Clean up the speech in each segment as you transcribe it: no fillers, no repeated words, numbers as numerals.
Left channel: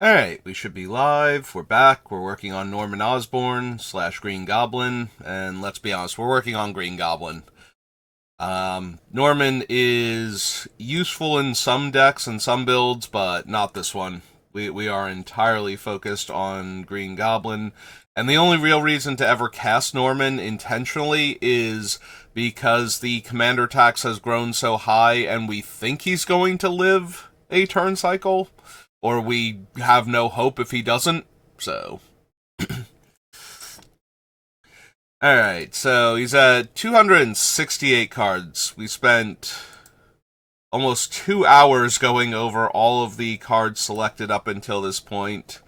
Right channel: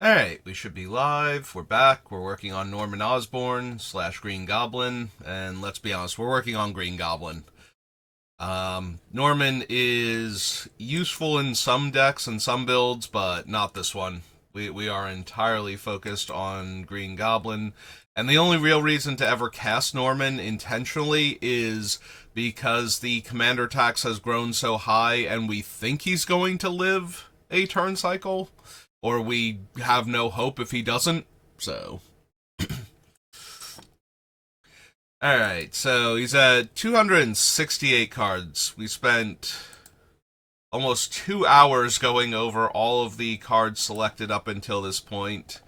Alright, we should be live. We're back. We're working on Norman Osborn / Green Goblin. And let's be honest, we're working on Green Goblin. Norman is useful in some decks and some builds, but not this one. We are entirely focused on Green Goblin. And the only real reason to ever cast Norman intentionally is because the commander tax has grown so high and we think he's going to live a turn cycle, or we have no hope if he doesn't. So, all right. So he's at 268 cards. We spent almost 2 hours going over all of the cards selected up until this point.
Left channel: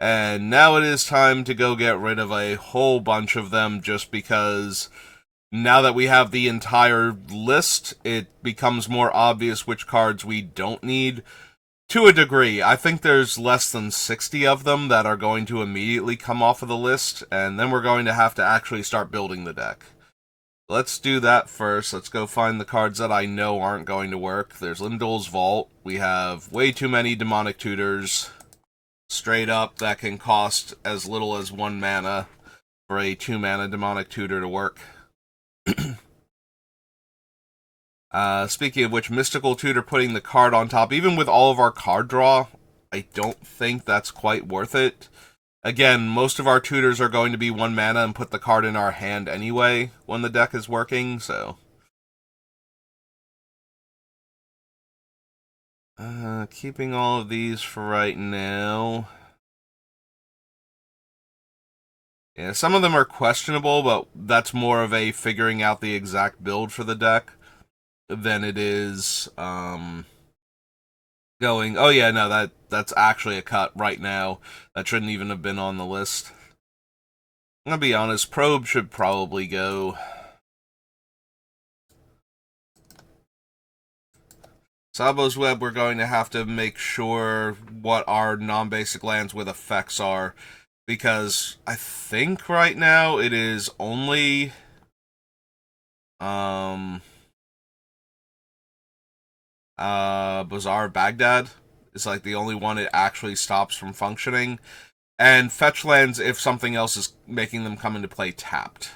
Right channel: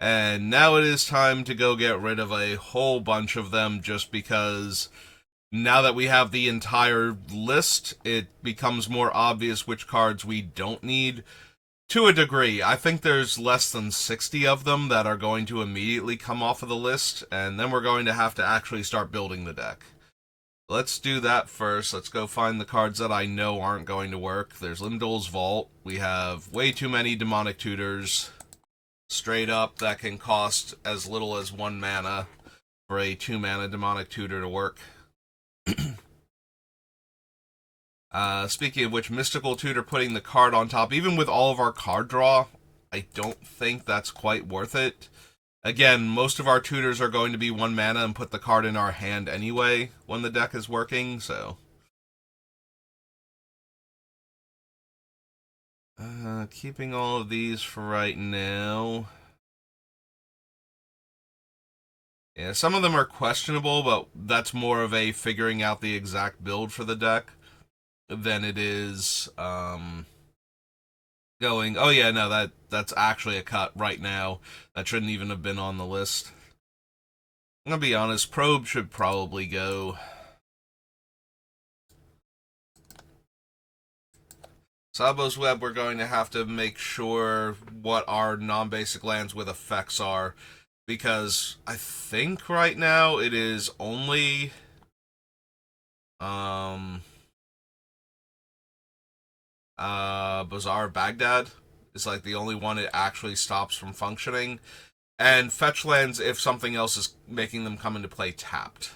And now it is time to go get rid of a whole bunch of them just because now that we have the entire list, it becomes more obvious which cards we don't need. To a degree, I think there's less than 60 of them that are going to immediately come off of the list, and then we're going to have to actually start building the deck. Let's do that first. Let's go find the cards that I know aren't going to work. There's Limdol's Vault. We have way too many Demonic Tutors. Straight up, that can cost as little as 1 mana for a 2-mana Demonic Tutor to work. Speaking of which, Mystical Tutor putting the card on top, even with all of our card draw, I don't think that's quite worth it. Again, most of our tutors are going to be 1 mana and put the card in our hand anyway when the deck is working, so. Keeping all of these for right now. Yeah, some of them are questionable, but that's more of a figuring out the exact build for the deck than it is going, oh yeah, no, that's actually a cut right now. That shouldn't even have been on the list. I'm gonna be honest, Probe should probably go. Sabo's Web, we're going to have to make sure what our non-basic lands with effects are, because I think right now it is only Bazaar Baghdad is like the only one it actually stops from functioning. And fetch lands if something else is making them come into play tapped.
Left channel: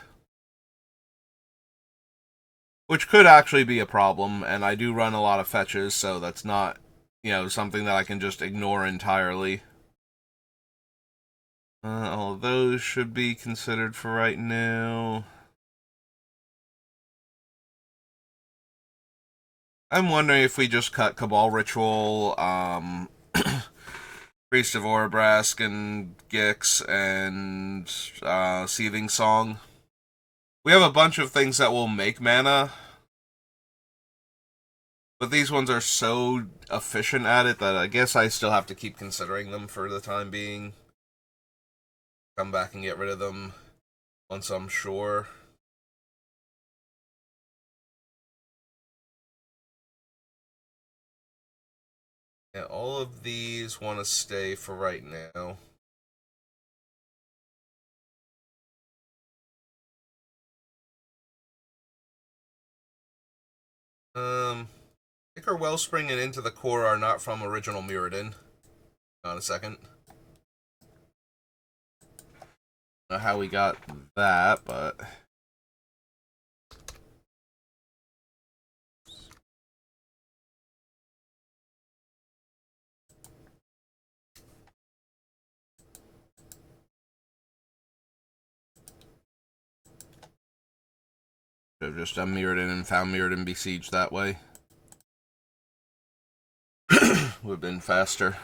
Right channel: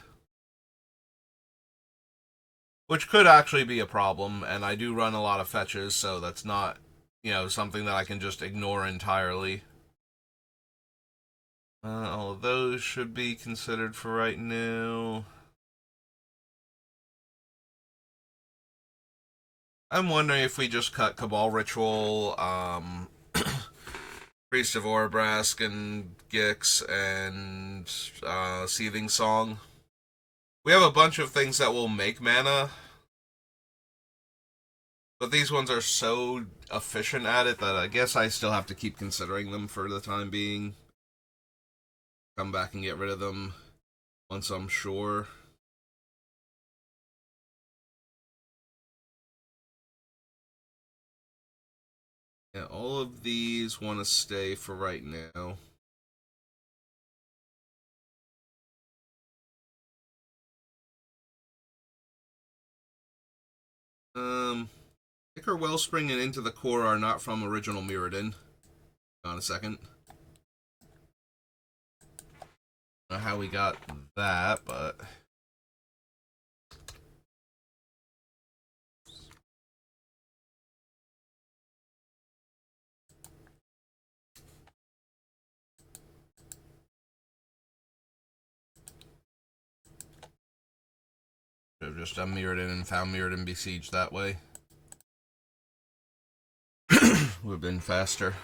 Which could actually be a problem, and I do run a lot of fetches, so that's not, something that I can just ignore entirely. All of those should be considered for right now. I'm wondering if we just cut Cabal Ritual, Priest of Orabrask, and Gix, and Seething Song. We have a bunch of things that will make mana, but these ones are so efficient at it that I guess I still have to keep considering them for the time being. Come back and get rid of them once I'm sure. Yeah, all of these want to stay for right now. Ichor Wellspring and Into the Core are not from original Mirrodin. On a second. I don't know how we got that, but should have just done Mirrodin and found Mirrodin Besieged that way. Would have been faster.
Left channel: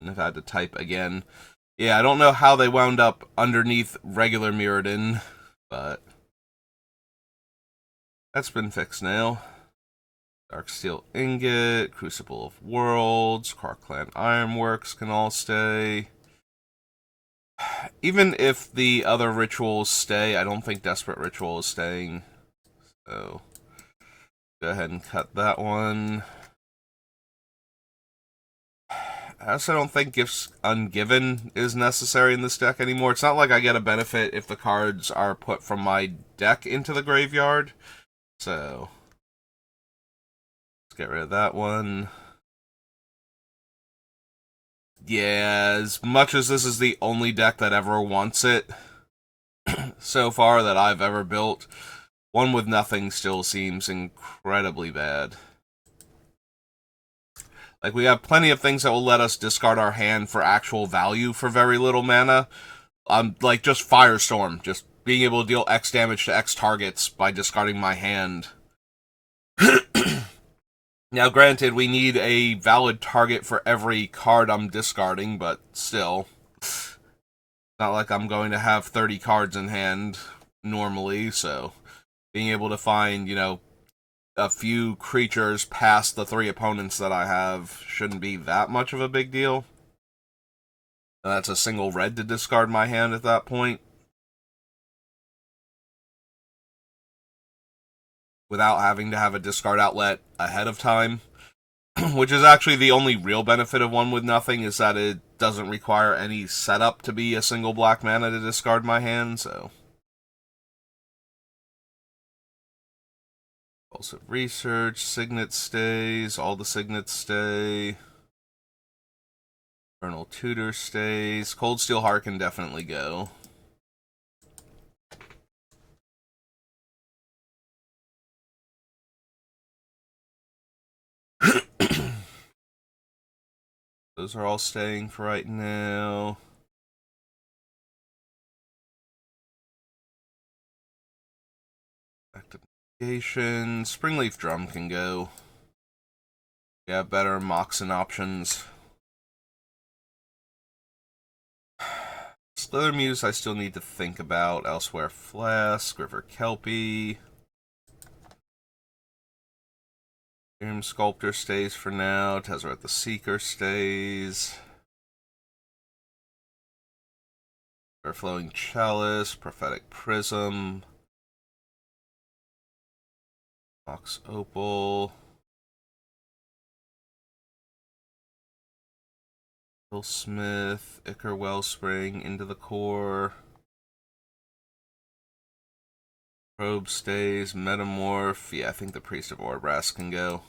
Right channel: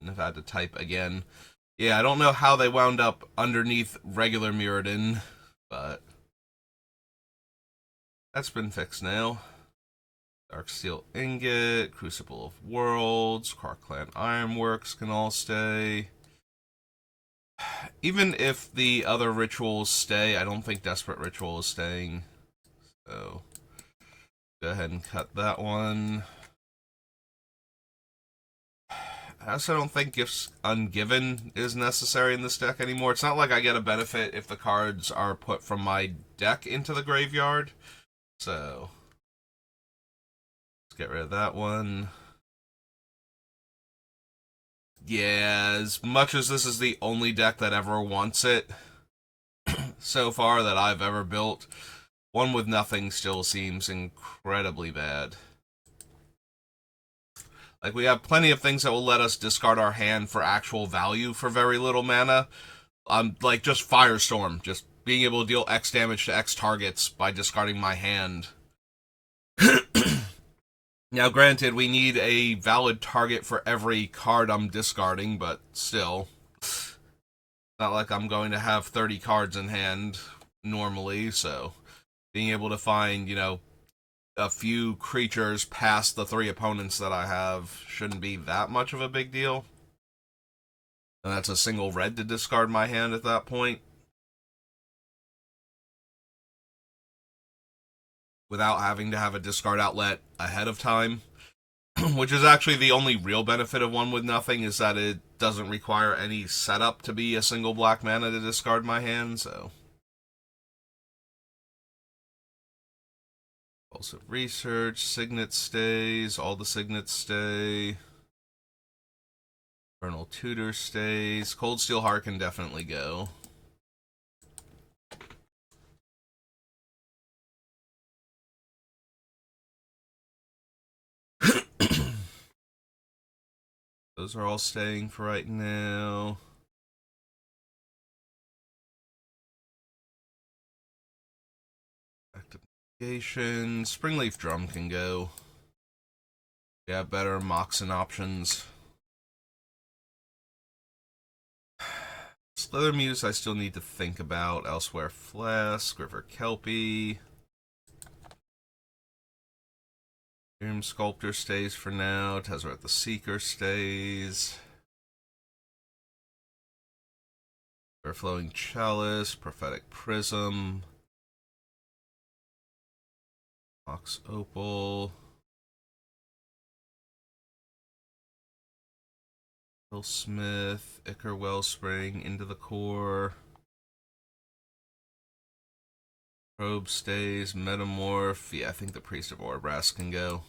And I've had to type again. Yeah, I don't know how they wound up underneath regular Mirrodin, but that's been fixed now. Darksteel Ingot, Crucible of Worlds, Karkland Ironworks can all stay. Even if the other rituals stay, I don't think Desperate Ritual is staying. So, go ahead and cut that one. I also don't think Gifts Ungiven is necessary in this deck anymore. It's not like I get a benefit if the cards are put from my deck into the graveyard. So, let's get rid of that one. Yeah, as much as this is the only deck that ever wants it so far that I've ever built, one with nothing still seems incredibly bad. Like, we have plenty of things that will let us discard our hand for actual value for very little mana. Like, just Firestorm, just being able to deal X damage to X targets by discarding my hand. Now, granted, we need a valid target for every card I'm discarding, but still. Not like I'm going to have 30 cards in hand normally, so being able to find, a few creatures past the 3 opponents that I have shouldn't be that much of a big deal. And that's a single red to discard my hand at that point, without having to have a discard outlet ahead of time. Which is actually the only real benefit of one with nothing, is that it doesn't require any setup to be a single black mana to discard my hand, so. Also research, signet stays, all the signets stay. Infernal Tutor stays. Cold Steel Heart can definitely go. Those are all staying for right now. Activation. Springleaf Drum can go. Yeah, better Moxen options. Slither Muse I still need to think about. Elsewhere Flask, River Kelpie. Doom Sculptor stays for now. Tezzeret the Seeker stays. Overflowing Chalice, Prophetic Prism. Box Opal. Smith, Ichor Wellspring, Into the Core. Probe stays, Metamorph. Yeah, I think the Priest of Orbrass can go.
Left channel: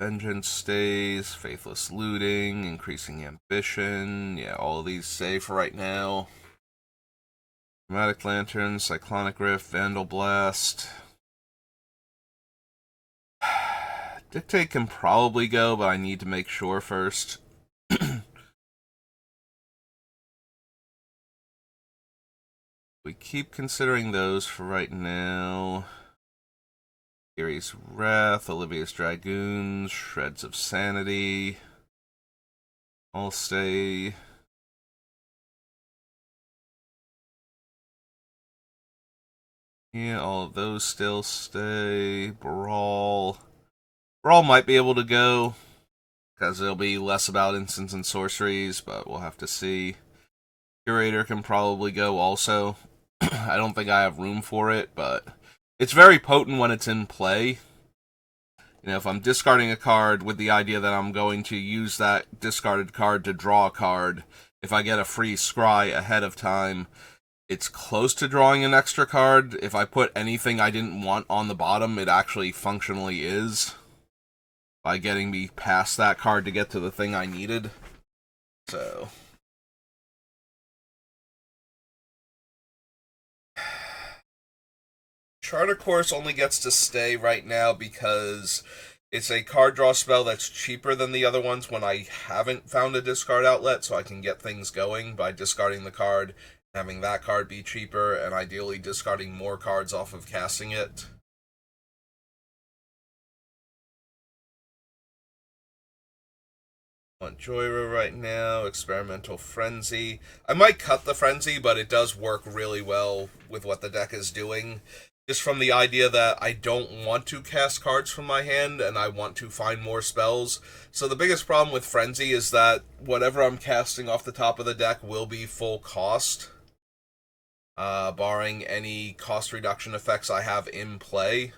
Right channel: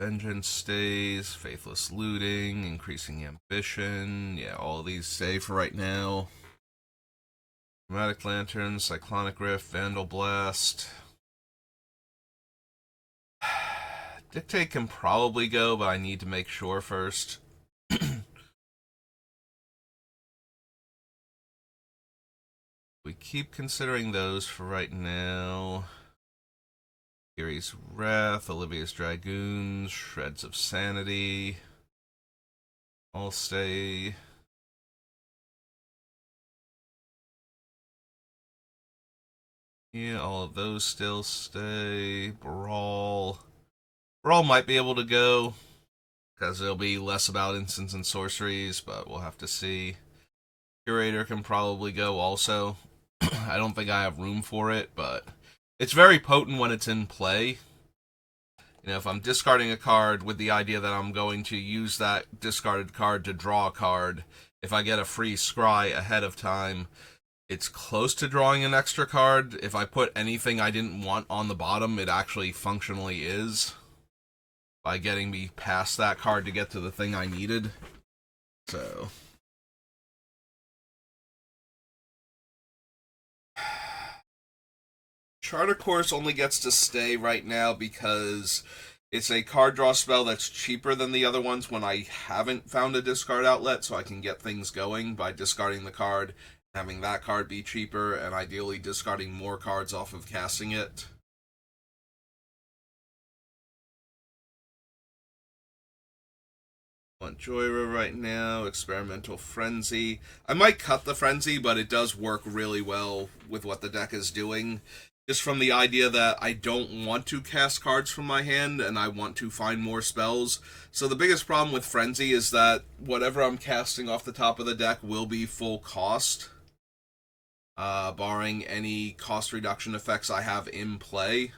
Vengeance stays, Faithless Looting, Increasing Ambition. Yeah, all of these stay for right now. Dramatic Lantern, Cyclonic Rift, Vandal Blast. Dictate can probably go, but I need to make sure first. We keep considering those for right now. Gary's Wrath, Olivia's Dragoons, Shreds of Sanity. All stay. Yeah, all of those still stay. Brawl. Brawl might be able to go, because it'll be less about instants and sorceries, but we'll have to see. Curator can probably go also. I don't think I have room for it, but it's very potent when it's in play. If I'm discarding a card with the idea that I'm going to use that discarded card to draw a card, if I get a free scry ahead of time, it's close to drawing an extra card. If I put anything I didn't want on the bottom, it actually functionally is, by getting me past that card to get to the thing I needed. So Charter Course only gets to stay right now because it's a card draw spell that's cheaper than the other ones when I haven't found a discard outlet, so I can get things going by discarding the card, having that card be cheaper, and ideally discarding more cards off of casting it. Want Joyra right now, Experimental Frenzy. I might cut the Frenzy, but it does work really well with what the deck is doing. Just from the idea that I don't want to cast cards from my hand, and I want to find more spells. So the biggest problem with Frenzy is that whatever I'm casting off the top of the deck will be full cost. Barring any cost reduction effects I have in play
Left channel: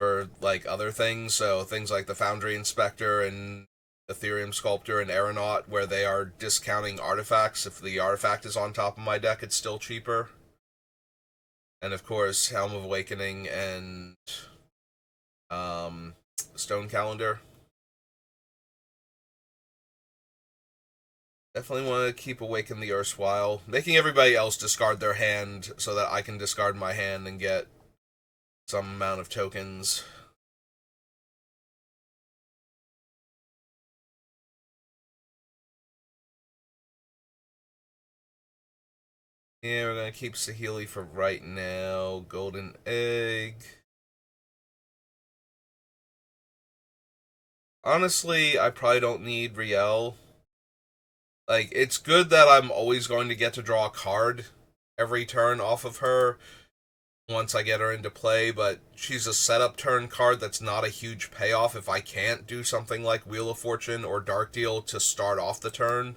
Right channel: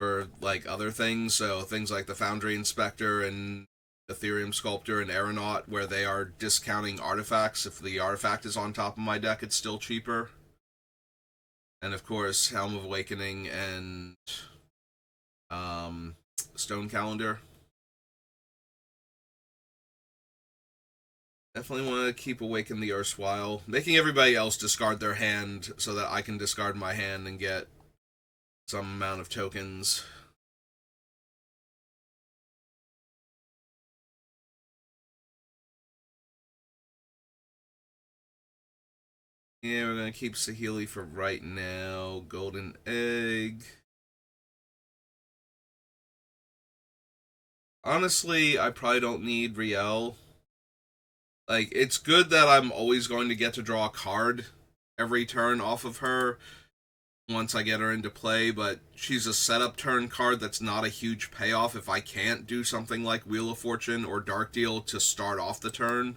for, like, other things. So things like the Foundry Inspector and Ethereum Sculptor and Aeronaut, where they are discounting artifacts. If the artifact is on top of my deck, it's still cheaper. And of course, Helm of Awakening and um, Stone Calendar. Definitely want to keep Awaken the Erstwhile. Making everybody else discard their hand so that I can discard my hand and get some amount of tokens. Yeah, we're going to keep Saheeli for right now. Golden Egg. Honestly, I probably don't need Riel. Like, it's good that I'm always going to get to draw a card every turn off of her once I get her into play, but she's a setup turn card that's not a huge payoff if I can't do something like Wheel of Fortune or Dark Deal to start off the turn.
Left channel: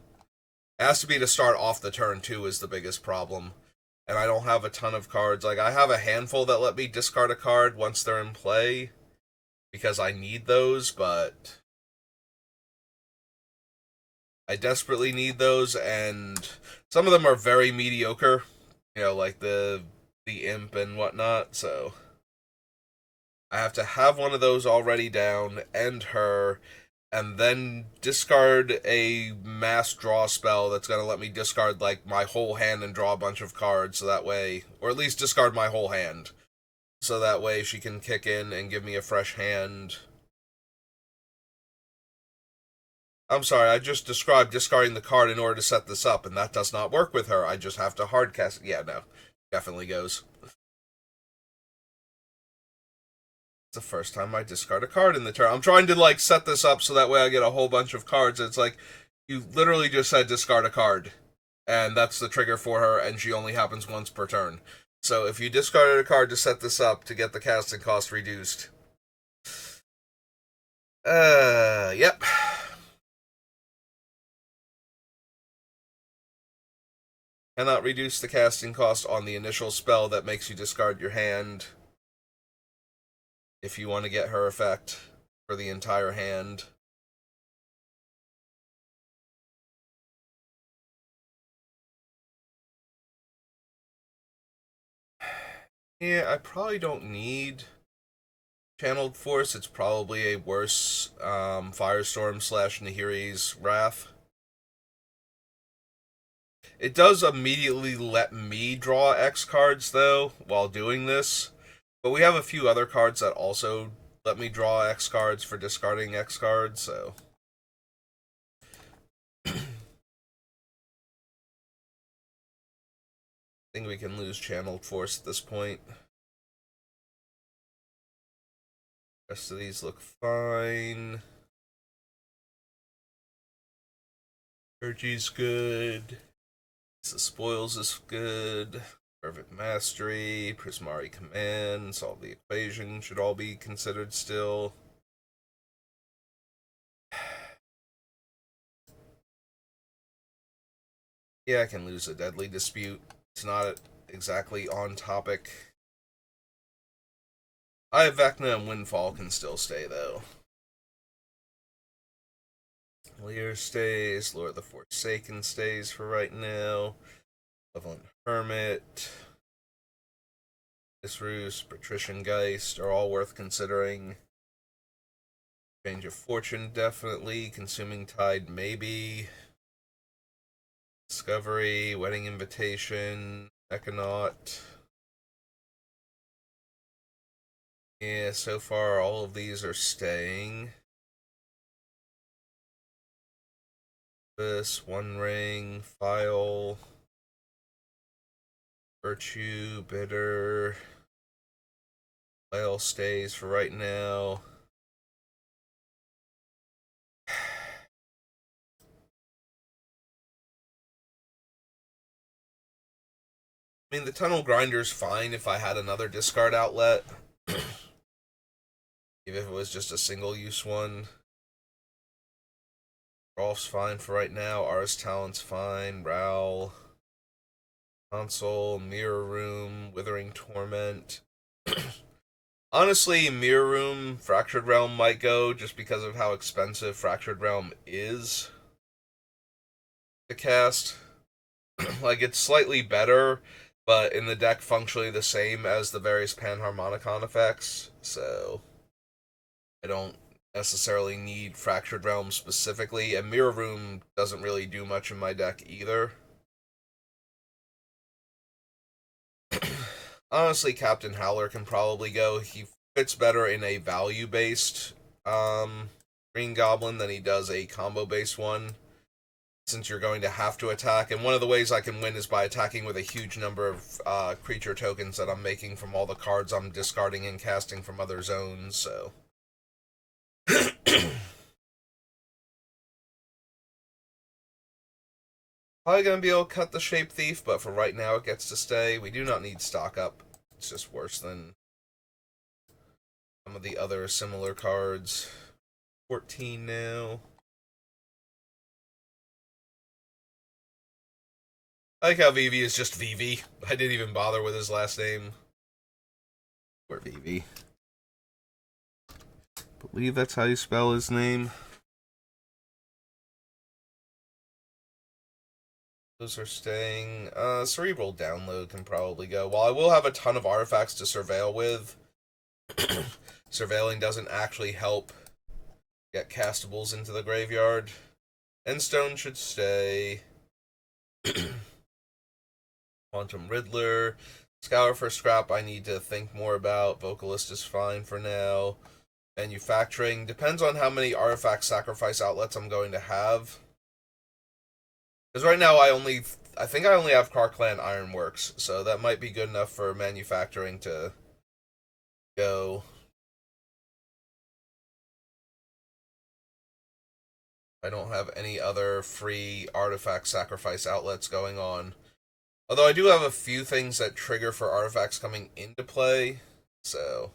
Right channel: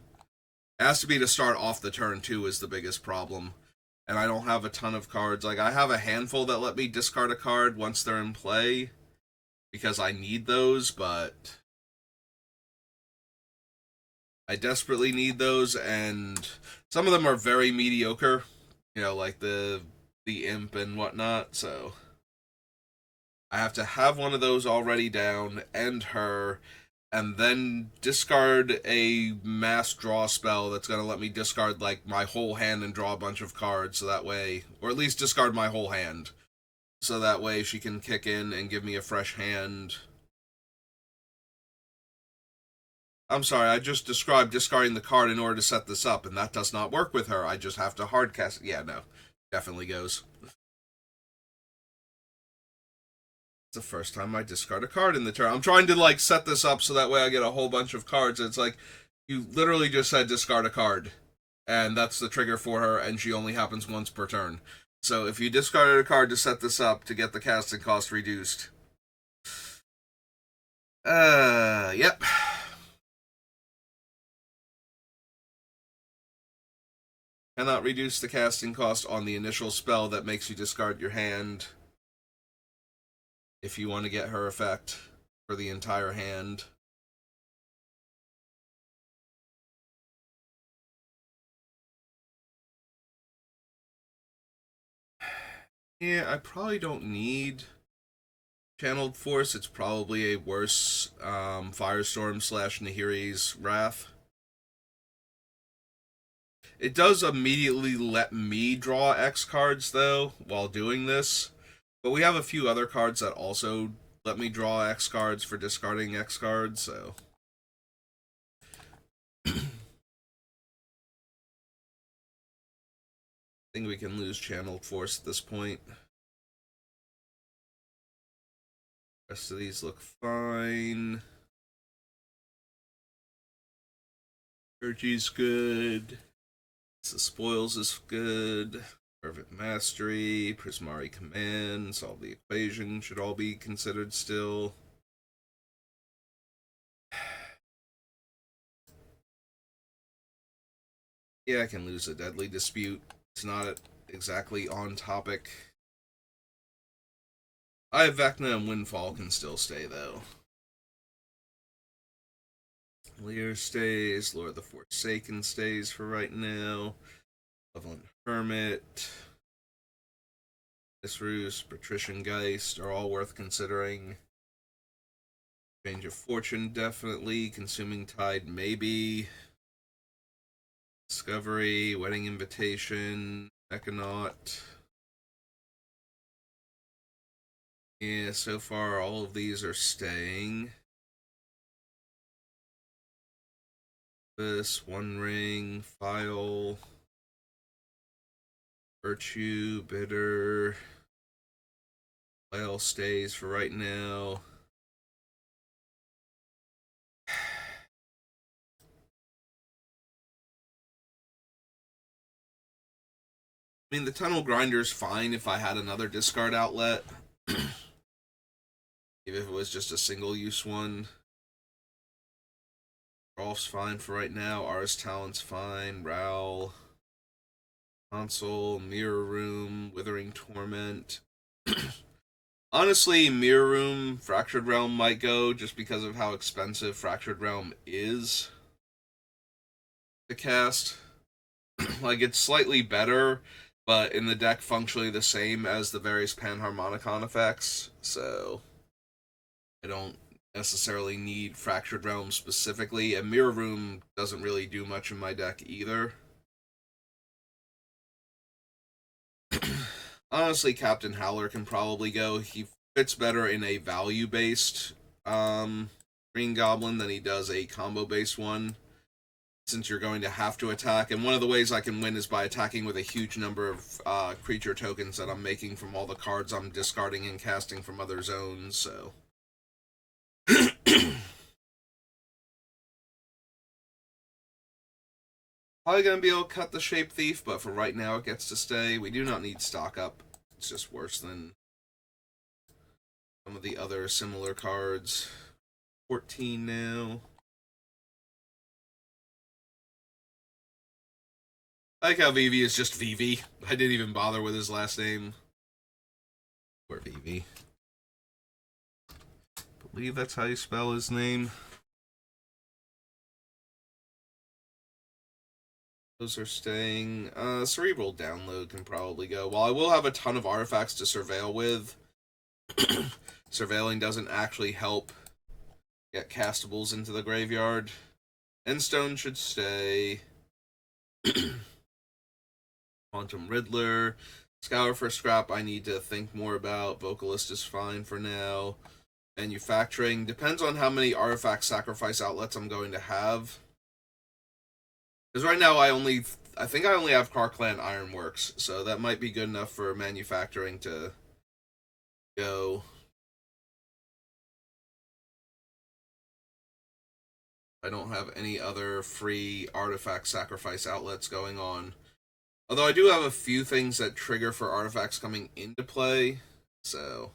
It has to be to start off the turn, too, is the biggest problem. And I don't have a ton of cards. Like, I have a handful that let me discard a card once they're in play because I need those, but I desperately need those, and some of them are very mediocre. You know, like the imp and whatnot. So I have to have one of those already down, end her, and then discard a mass draw spell that's gonna let me discard like my whole hand and draw a bunch of cards. So that way, or at least discard my whole hand, so that way she can kick in and give me a fresh hand. I'm sorry, I just described discarding the card in order to set this up, and that does not work with her. I just have to hard cast it. Yeah, no. Definitely goes. It's the first time I discard a card in the turn. I'm trying to, like, set this up so that way I get a whole bunch of cards. It's like, you literally just said discard a card. And that's the trigger for her, and she only happens once per turn. So if you discarded a card to set this up to get the casting cost reduced. Yep. Cannot reduce the casting cost on the initial spell that makes you discard your hand if you want to get her effect for the entire hand. Yeah, I probably don't need Channeled Force. It's probably a worse Firestorm slash Nahiri's Wrath. It does immediately let me draw X cards, though, while doing this. But we have a few other cards that also let me draw X cards for discarding X cards, so. I think we can lose Channeled Force at this point. Rest of these look fine. Urgy's good. The Spoils is good. Perfect Mastery, Prismari Command, Solve the Equation should all be considered still. Yeah, I can lose a Deadly Dispute. It's not exactly on topic. I have Vecna and Windfall can still stay, though. Lear stays, Lord of the Forsaken stays for right now. Malevolent Hermit, Disroost, Patrician Geist are all worth considering. Change of Fortune, definitely. Consuming Tide, maybe. Discovery, Wedding Invitation, Econaut. Yeah, so far all of these are staying. This, One Ring, File, Virtue, Bitter. All stays for right now. I mean, the Tunnel Grinder's fine if I had another discard outlet. Even if it was just a single use one. Rolf's fine for right now. Ars Talent's fine. Raoul. Console. Mirror Room. Withering Torment. Honestly, Mirror Room, Fractured Realm might go just because of how expensive Fractured Realm is to cast. Like, it's slightly better, but in the deck functionally the same as the various Panharmonicon effects, so I don't necessarily need Fractured Realm specifically, and Mirror Room doesn't really do much in my deck either. Honestly, Captain Howler can probably go. He fits better in a value-based Green Goblin than he does a combo-based one, since you're going to have to attack. And one of the ways I can win is by attacking with a huge number of creature tokens that I'm making from all the cards I'm discarding and casting from other zones, so... Probably going to be able to cut the Shape Thief, but for right now it gets to stay. We do not need stock up. It's just worse than some of the other similar cards. 14 now. I like how Vivi is just Vivi. I didn't even bother with his last name. Poor Vivi. I believe that's how you spell his name. Those are staying. Cerebral Download can probably go. While I will have a ton of artifacts to surveil with, surveilling doesn't actually help get castables into the graveyard. Endstone should stay. Quantum Riddler. Scour for Scrap I need to think more about. Vocalist is fine for now. Manufacturing depends on how many artifact sacrifice outlets I'm going to have. Because right now I think I only have Karkland Ironworks, so that might be good enough for manufacturing to go. I don't have any other free artifact sacrifice outlets going on. Although I do have a few things that trigger for artifacts coming into play, so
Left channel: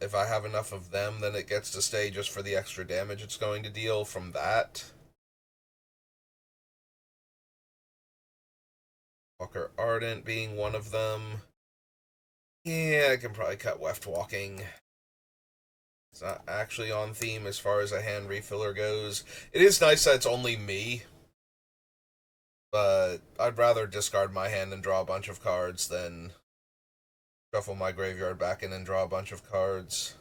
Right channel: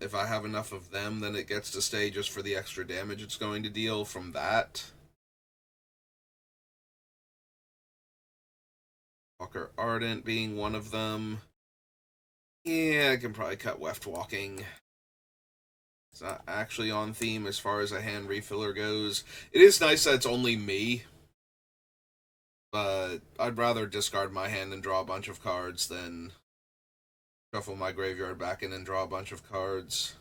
if I have enough of them, then it gets to stay just for the extra damage it's going to deal from that. Walker Ardent being one of them. Yeah, I can probably cut Weft Walking. It's not actually on theme as far as a hand refiller goes. It is nice that it's only me, but I'd rather discard my hand and draw a bunch of cards than shuffle my graveyard back in and draw a bunch of cards.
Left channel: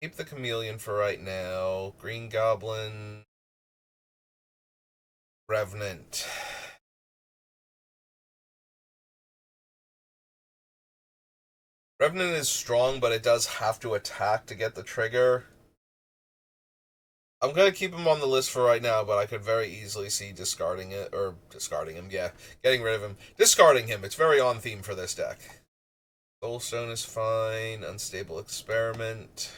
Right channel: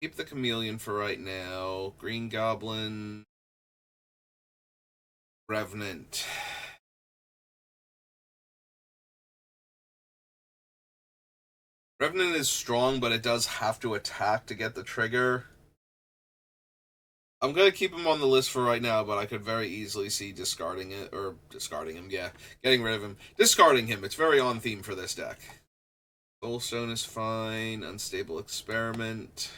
Keep the Chameleon for right now. Green Goblin. Revenant. Revenant is strong, but it does have to attack to get the trigger. I'm going to keep him on the list for right now, but I could very easily see discarding it, or discarding him, yeah. Getting rid of him. Discarding him, it's very on theme for this deck. Soulstone is fine. Unstable Experiment.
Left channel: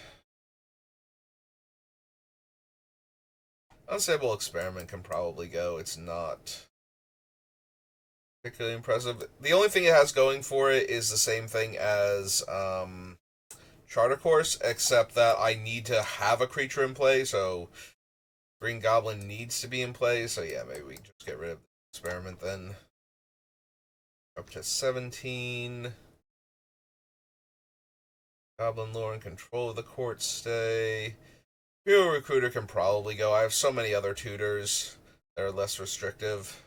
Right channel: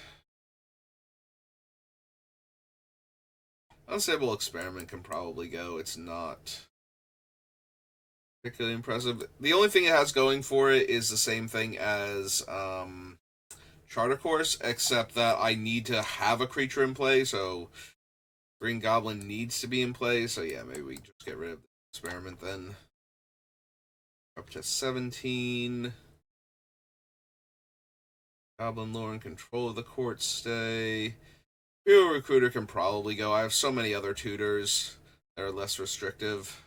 Unstable Experiment can probably go. It's not particularly impressive. The only thing it has going for it is the same thing as Charter Course, except that I need to have a creature in play, so Green Goblin needs to be in play, so yeah, maybe we just get rid of the Experiment then. Up to 17. Goblin Lore in control of the court stay. Hero Recruiter can probably go. I have so many other tutors that are less restrictive.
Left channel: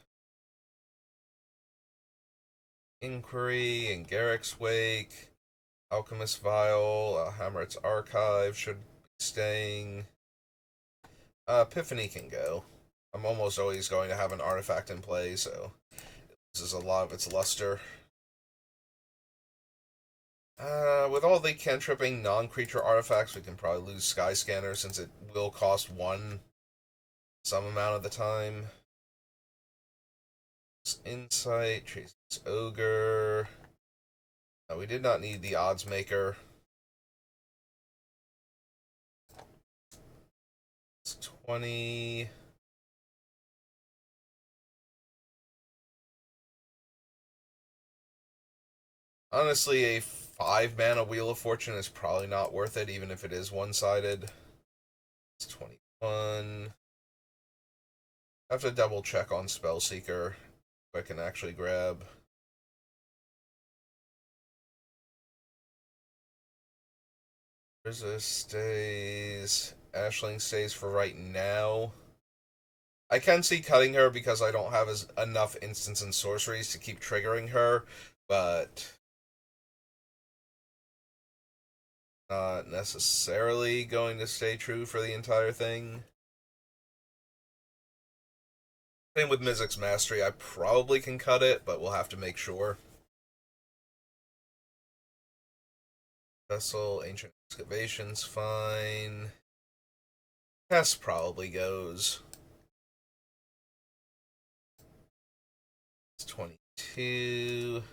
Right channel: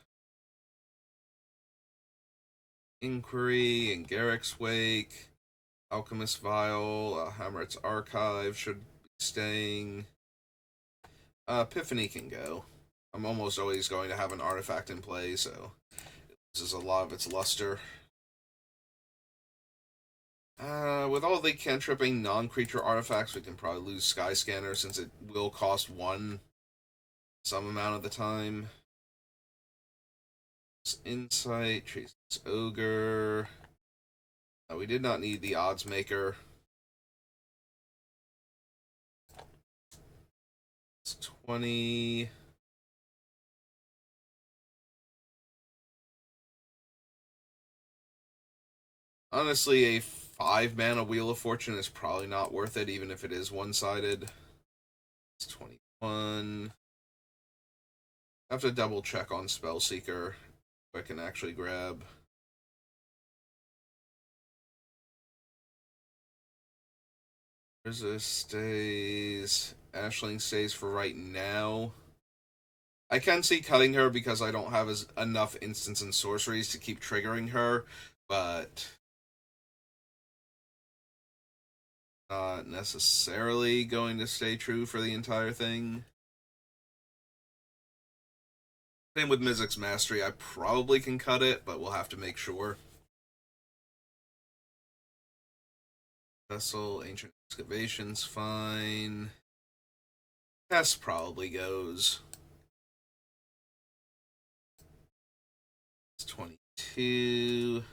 Inquiry and Garrick's Wake. Alchemist Vial, Hammer's Archive should be staying. Epiphany can go. I'm almost always going to have an artifact in play, so this is a lot of its luster. With all the cantripping non-creature artifacts, we can probably lose Skyscanner since it will cost one some amount of the time. Insight, Trace's Ogre. We did not need the Odds Maker. It's 20. Honestly, a 5-mana Wheel of Fortune is probably not worth it, even if it is one-sided. It's 21. I have to double check on Spellseeker if I can actually grab. Resist stays. Ashling stays for right now. I can see cutting her because I don't have enough instants and sorceries to keep triggering her, but not necessarily going to stay true for the entire thing. Same with Mizik's Mastery. I probably can cut it, but we'll have to make sure. Vessel, Ancient Excavations, fine. Test probably goes. It's 22.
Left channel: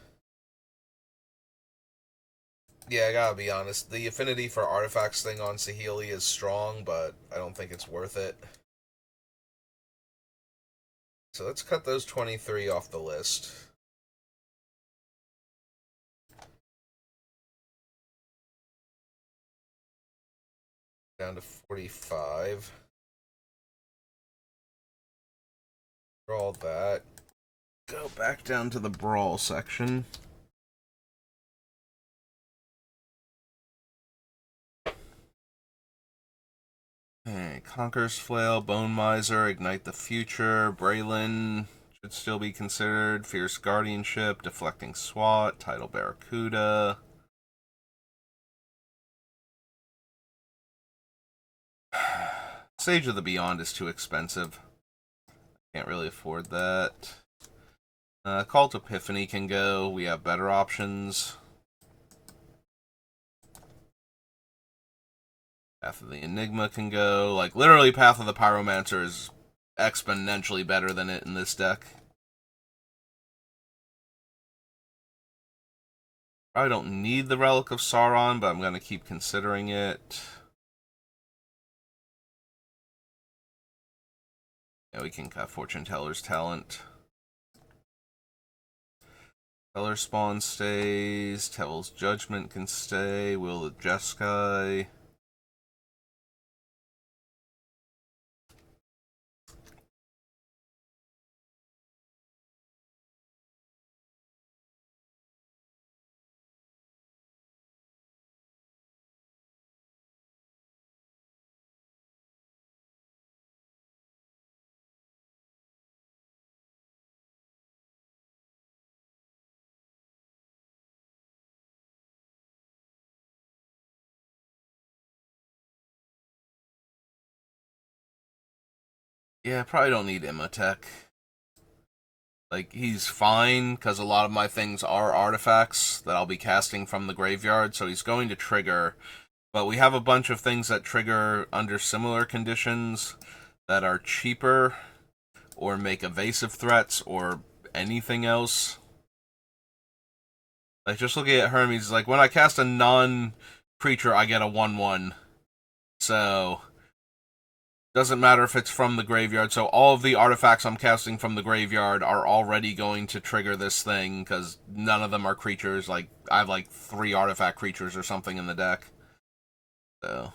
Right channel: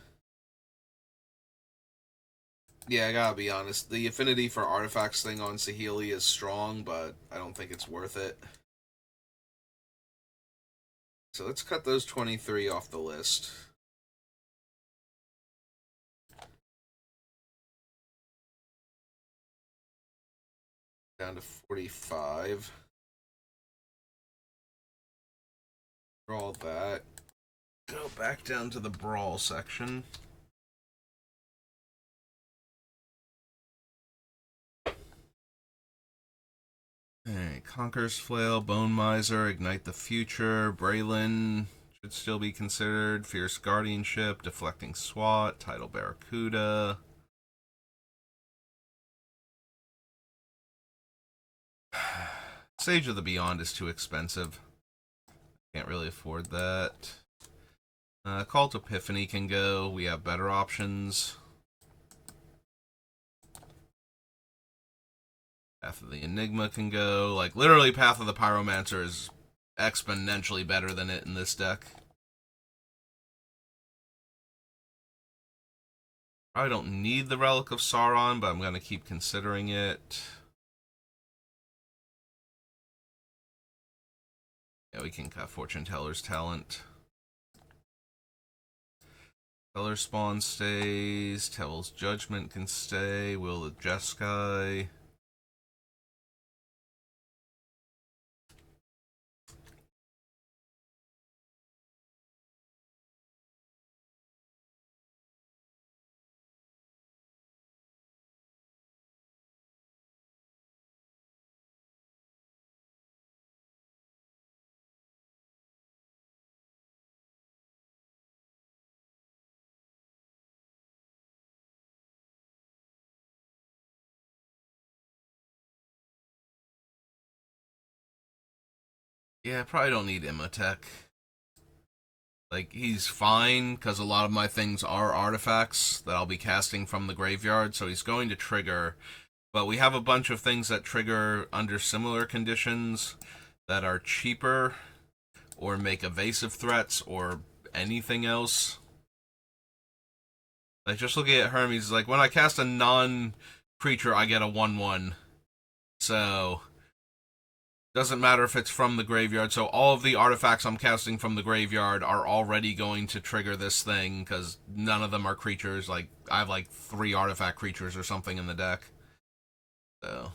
Yeah, I gotta be honest. The affinity for artifacts thing on Saheeli is strong, but I don't think it's worth it. So let's cut those 23 off the list. Down to 45. Draw that. Go back down to the brawl section. Alright, Conqueror's Flail, Bone Miser, Ignite the Future, Braylon should still be considered, Fierce Guardianship, Deflecting SWAT, Tidal Barracuda. Sage of the Beyond is too expensive. Can't really afford that. Cult Epiphany can go. We have better options. Path of the Enigma can go. Like, literally, Path of the Pyromancer is exponentially better than it in this deck. Probably don't need the Relic of Sauron, but I'm going to keep considering it. Yeah, we can cut Fortune Teller's Talent. Teller Spawn stays. Tell's Judgment can stay. Will of Jeskai. Yeah, probably don't need Imhotep. Like, he's fine, because a lot of my things are artifacts that I'll be casting from the graveyard, so he's going to trigger. But we have a bunch of things that trigger under similar conditions that are cheaper, or make evasive threats, or anything else. Like, just looking at Hermes, like, when I cast a non-creature, I get a 1/1. So, doesn't matter if it's from the graveyard. So all of the artifacts I'm casting from the graveyard are already going to trigger this thing, because none of them are creatures. Like, I have like 3 artifact creatures or something in the deck. So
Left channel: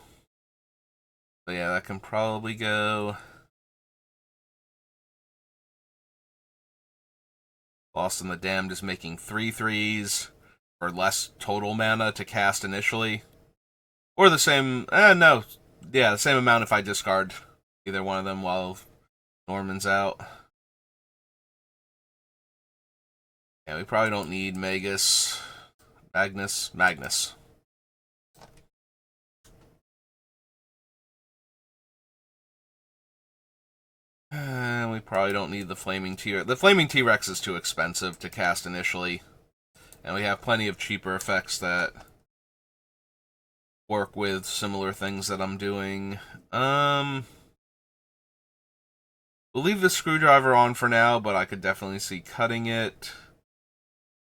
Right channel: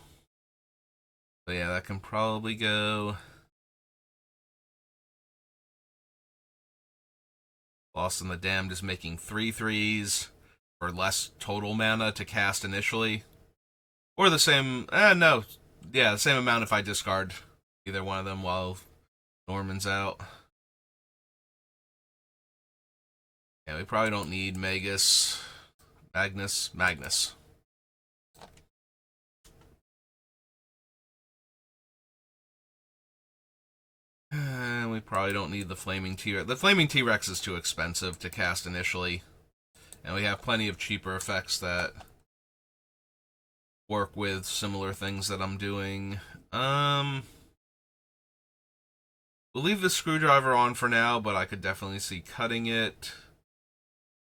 yeah, that can probably go. Lost in the Damned is making 3/3s for less total mana to cast initially. Or the same, no. Yeah, the same amount if I discard either one of them while Norman's out. Yeah, we probably don't need Magus. Magnus. And we probably don't need the Flaming T-Rex. The Flaming T-Rex is too expensive to cast initially. And we have plenty of cheaper effects that work with similar things that I'm doing. We'll leave the Screwdriver on for now, but I could definitely see cutting it.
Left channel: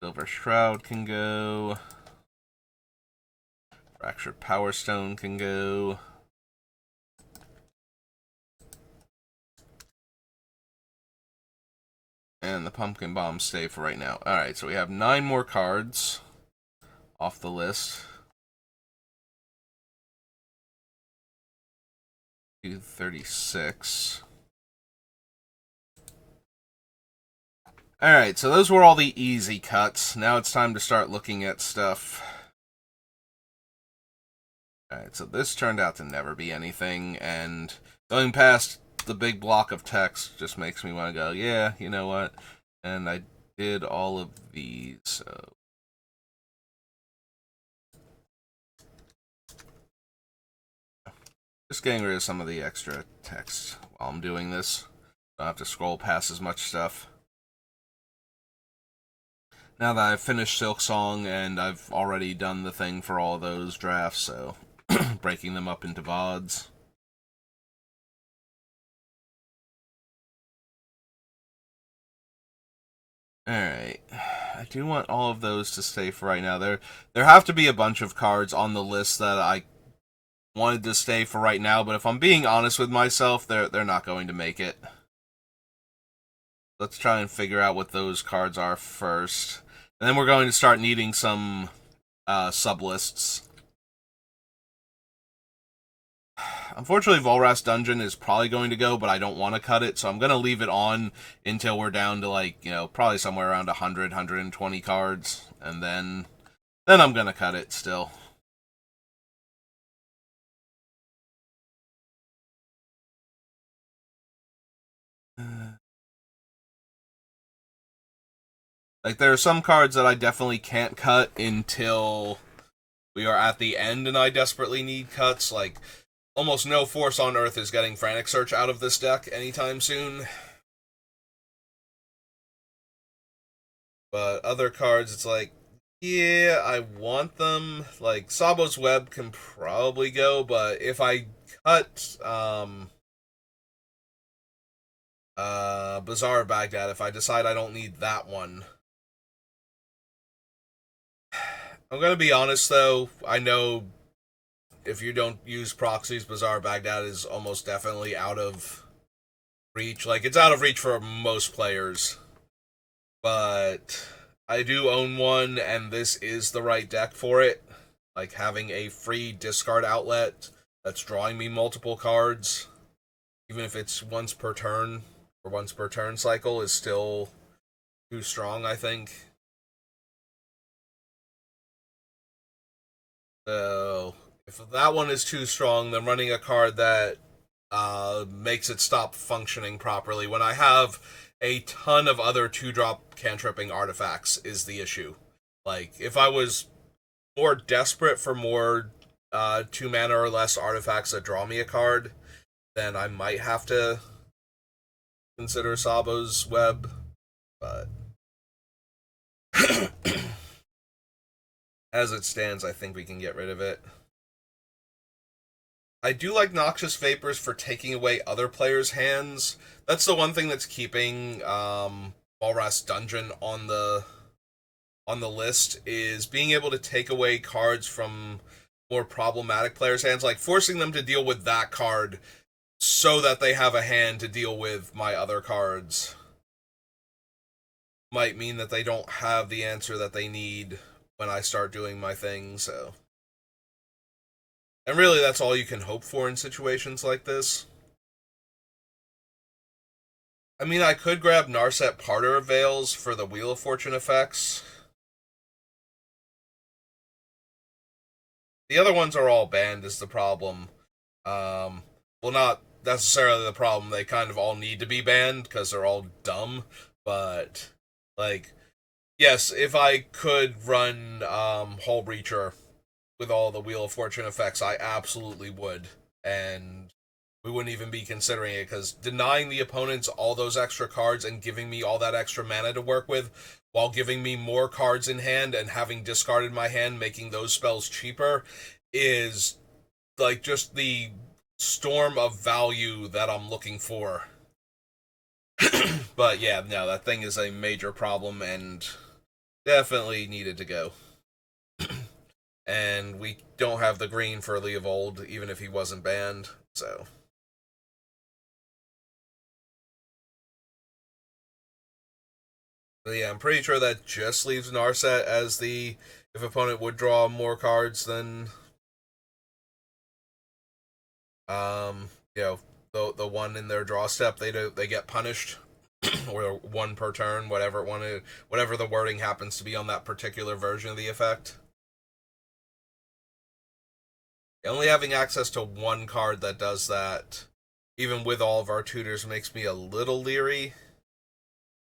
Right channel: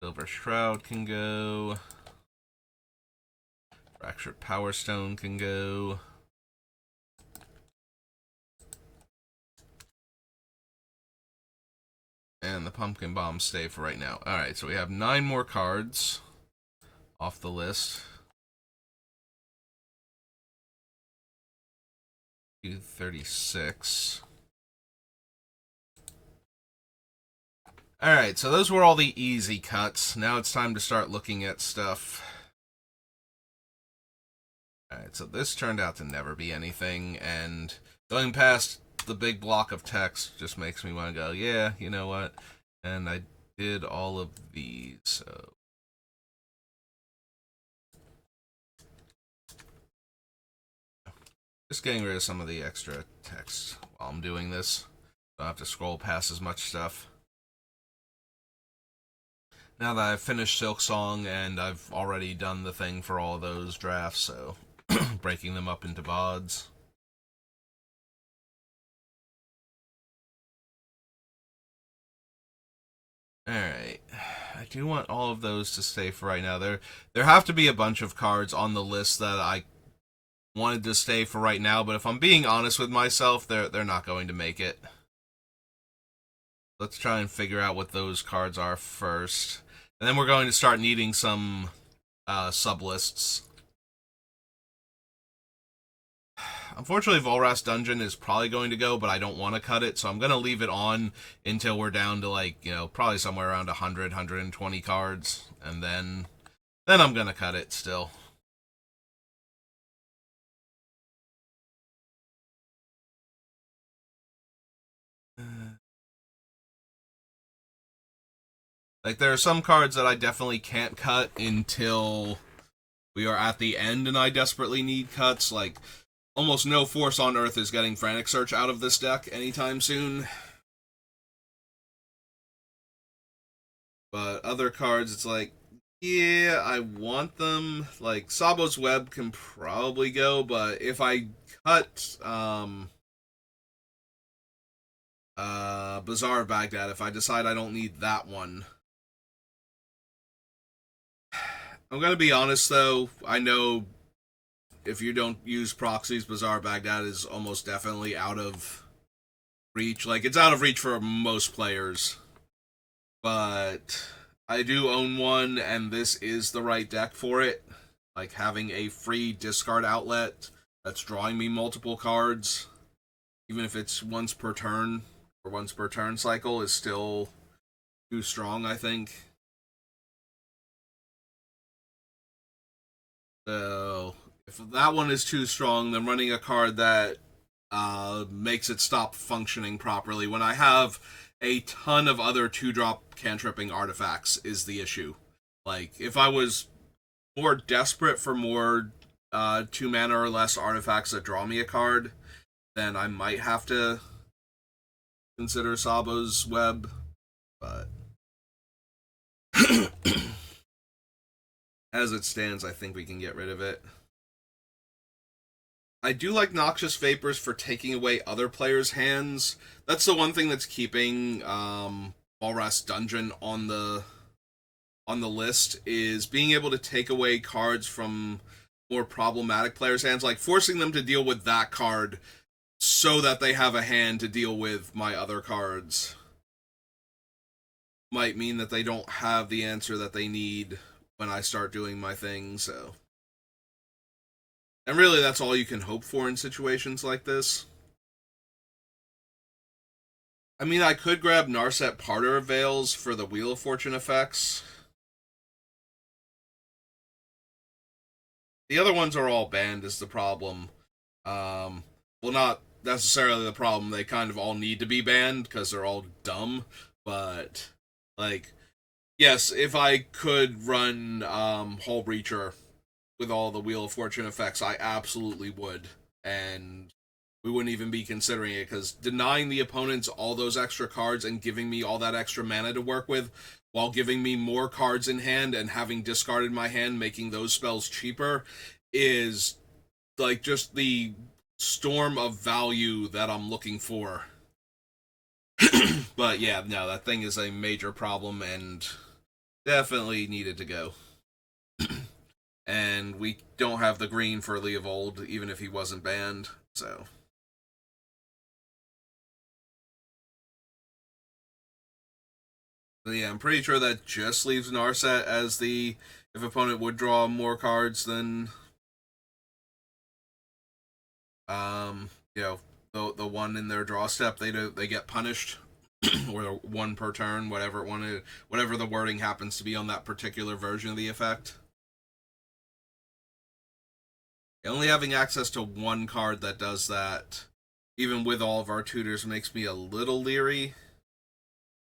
Silver Shroud can go. Fractured Power Stone can go. And the Pumpkin Bombs stay for right now. Alright, so we have 9 more cards off the list. 236. Alright, so those were all the easy cuts. Now it's time to start looking at stuff. Alright, so this turned out to never be anything, and going past the big block of text just makes me want to go, yeah, you know what? And I did all of these, so just getting rid of some of the extra text while I'm doing this. Don't have to scroll past as much stuff. Now that I've finished Silk Song and I've already done the thing for all those drafts, so breaking them up into VODs. Alright. I do want all of those to stay for right now. There have to be a bunch of cards on the list that I wanted to stay for right now, but if I'm being honest with myself, they're not going to make it. Let's try and figure out what those cards are first. And then we're going to start needing some sub-lists. Unfortunately, Volras Dungeon is probably going to go, but I don't want to cut it, so I'm going to leave it on until we're down to, like, you know, probably somewhere around 100, 120 cards, and then I'm going to cut it still. Like, there are some cards that I definitely can't cut until we are at the end and I desperately need cuts, like almost no force on earth is getting Frantic Search out of this deck anytime soon. But other cards, it's like, yeah, I want them. Like, Sabo's Web can probably go, but if I cut Bazaar of Baghdad, if I decide I don't need that one. I'm gonna be honest though, I know if you don't use proxies, Bazaar of Baghdad is almost definitely out of reach. Like, it's out of reach for most players. But I do own one, and this is the right deck for it. Like, having a free discard outlet that's drawing me multiple cards, even if it's once per turn or once per turn cycle, is still too strong, I think. So, if that one is too strong, then running a card that makes it stop functioning properly when I have a ton of other 2-drop cantripping artifacts is the issue. Like, if I was more desperate for more 2 mana or less artifacts that draw me a card, then I might have to consider Sabo's Web, but as it stands, I think we can get rid of it. I do like Noxious Vapors for taking away other players' hands. That's the one thing that's keeping Walras Dungeon on the list, is being able to take away cards from more problematic players' hands, like forcing them to deal with that card so that they have a hand to deal with my other cards. Might mean that they don't have the answer that they need when I start doing my thing, so. And really, that's all you can hope for in situations like this. I mean, I could grab Narset Parter of Veils for the Wheel of Fortune effects. The other ones are all banned, is the problem. Well, not necessarily the problem. They kind of all need to be banned because they're all dumb. But, like, yes, if I could run Hull Breacher with all the Wheel of Fortune effects, I absolutely would. And we wouldn't even be considering it, because denying the opponents all those extra cards and giving me all that extra mana to work with, while giving me more cards in hand and having discarded my hand, making those spells cheaper, is like just the storm of value that I'm looking for. But yeah, no, that thing is a major problem and definitely needed to go. And we don't have the green for Leovold, even if he wasn't banned, so. But yeah, I'm pretty sure that just leaves Narset as the, if opponent would draw more cards than you know, the one in their draw step, they get punished. Or one per turn, whatever the wording happens to be on that particular version of the effect. Only having access to one card that does that even with all of our tutors, makes me a little leery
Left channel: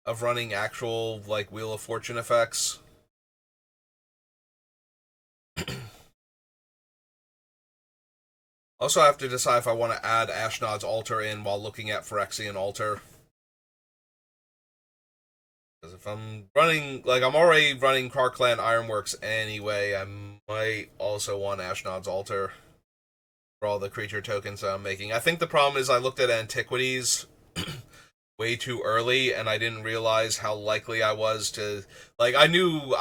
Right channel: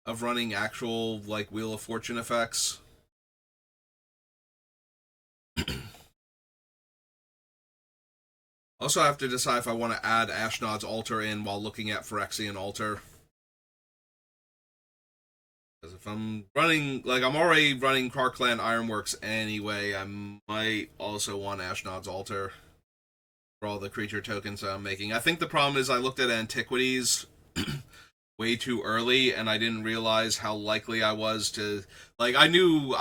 of running actual, like, Wheel of Fortune effects. Also, I have to decide if I want to add Ashnod's Altar in while looking at Phyrexian Altar. Because if I'm running, like, I'm already running Karkland Ironworks anyway, I might also want Ashnod's Altar for all the creature tokens that I'm making. I think the problem is I looked at Antiquities way too early, and I didn't realize how likely I was to... Like, I knew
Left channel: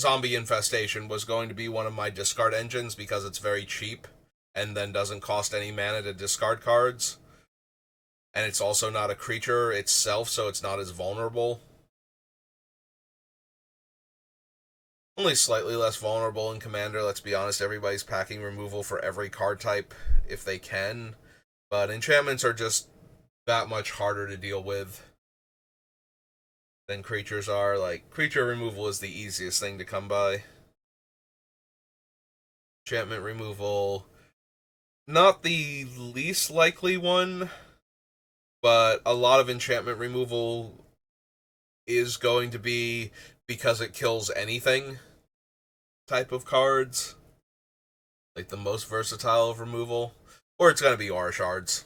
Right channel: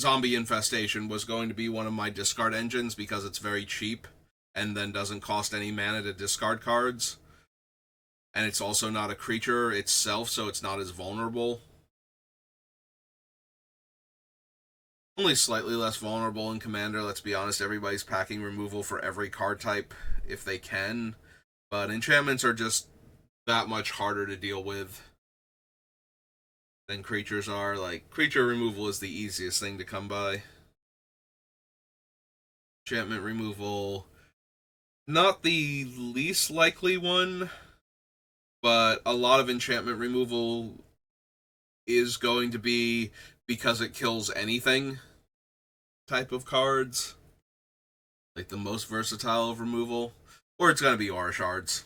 Zombie Infestation was going to be one of my discard engines because it's very cheap and then doesn't cost any mana to discard cards. And it's also not a creature itself, so it's not as vulnerable. Only slightly less vulnerable in Commander, let's be honest. Everybody's packing removal for every card type if they can. But enchantments are just that much harder to deal with than creatures are. Like, creature removal is the easiest thing to come by. Enchantment removal, not the least likely one, but a lot of enchantment removal is going to be because it kills anything type of cards. Like the most versatile of removal. Or it's going to be Aura Shards.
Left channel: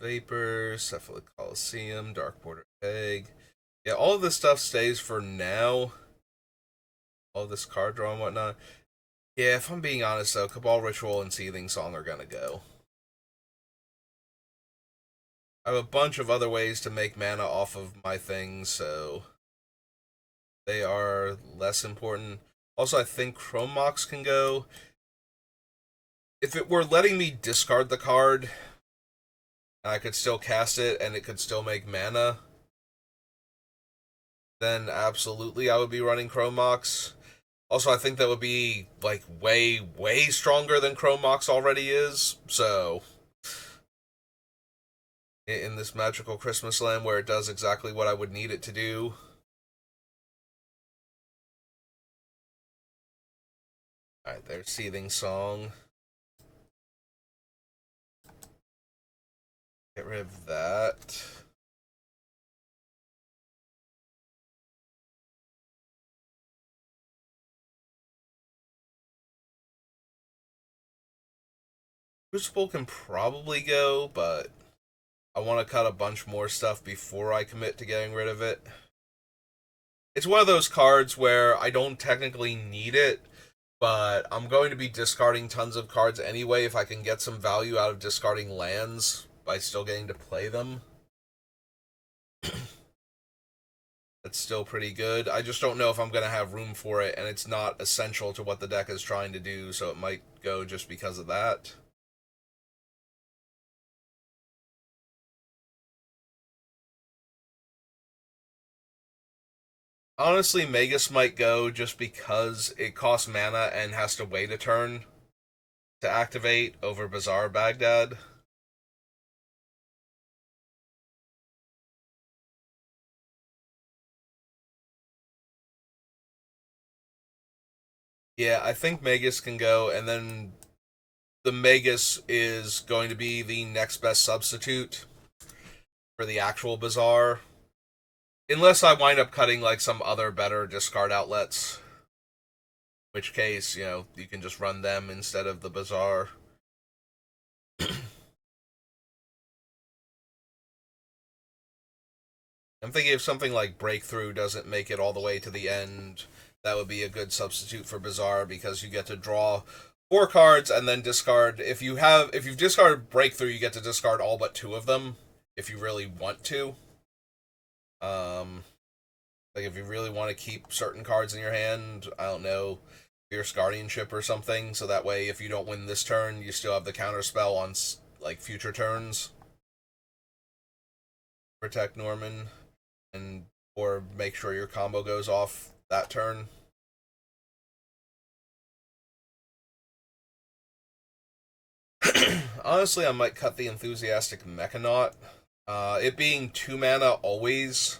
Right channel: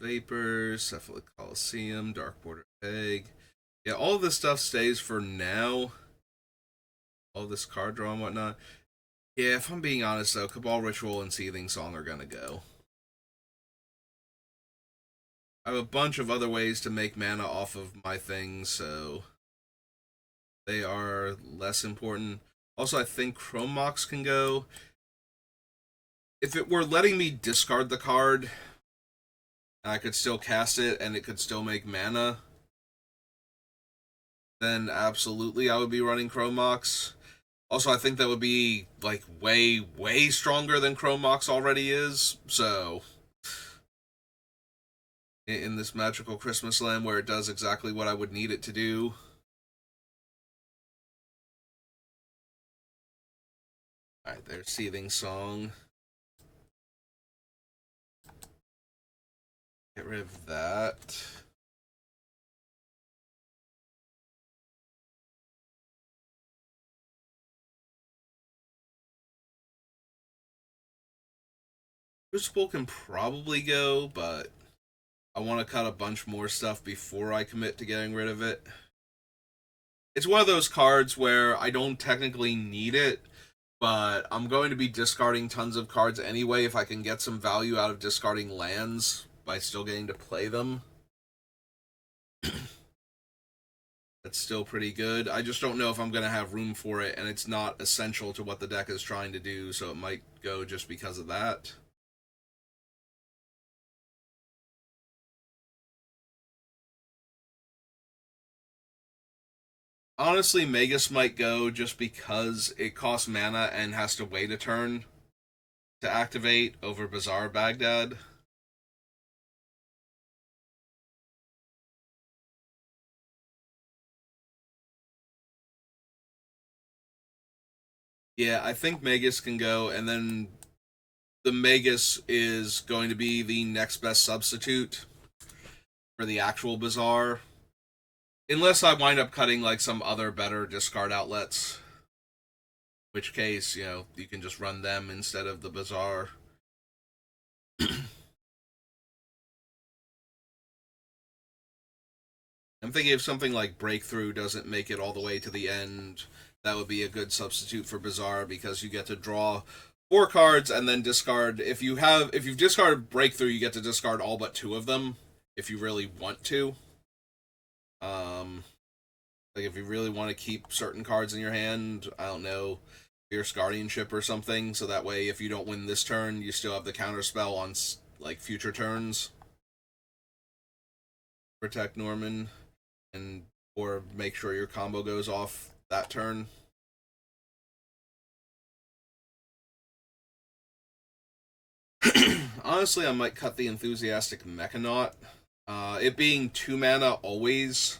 Vapor, Cephalic Coliseum, Dark Border Egg. Yeah, all of this stuff stays for now. All this card draw and whatnot. Yeah, if I'm being honest though, Cabal Ritual and Seething Song are gonna go. I have a bunch of other ways to make mana off of my things, so they are less important. Also, I think Chrome Mox can go. If it were letting me discard the card, I could still cast it and it could still make mana, then absolutely I would be running Chrome Mox. Also, I think that would be, like, way, way stronger than Chrome Mox already is, so... In this magical Christmas land where it does exactly what I would need it to do. Alright, there's Seething Song. Get rid of that. Crucible can probably go, but I want to cut a bunch more stuff before I commit to getting rid of it. It's one of those cards where I don't technically need it, but I'm going to be discarding tons of cards anyway if I can get some value out of discarding lands by still getting to play them. That's still pretty good. I just don't know if I'm going to have room for it, and it's not essential to what the deck is trying to do, so it might go just because of that. Honestly, Magus might go just because it costs mana and has to wait a turn to activate over Bazaar Baghdad. Yeah, I think Magus can go, and then the Magus is going to be the next best substitute for the actual Bazaar. Unless I wind up cutting like some other better discard outlets. Which case, you can just run them instead of the Bazaar. I'm thinking if something like Breakthrough doesn't make it all the way to the end, that would be a good substitute for Bazaar because you get to draw 4 cards and then discard. If you've discarded Breakthrough, you get to discard all but 2 of them if you really want to. Like if you really want to keep certain cards in your hand, I don't know, Fierce Guardianship or something, so that way if you don't win this turn, you still have the counter spell on like future turns. Protect Norman, and or make sure your combo goes off that turn. Honestly, I might cut the Enthusiastic Mechanaut. It being 2 mana always,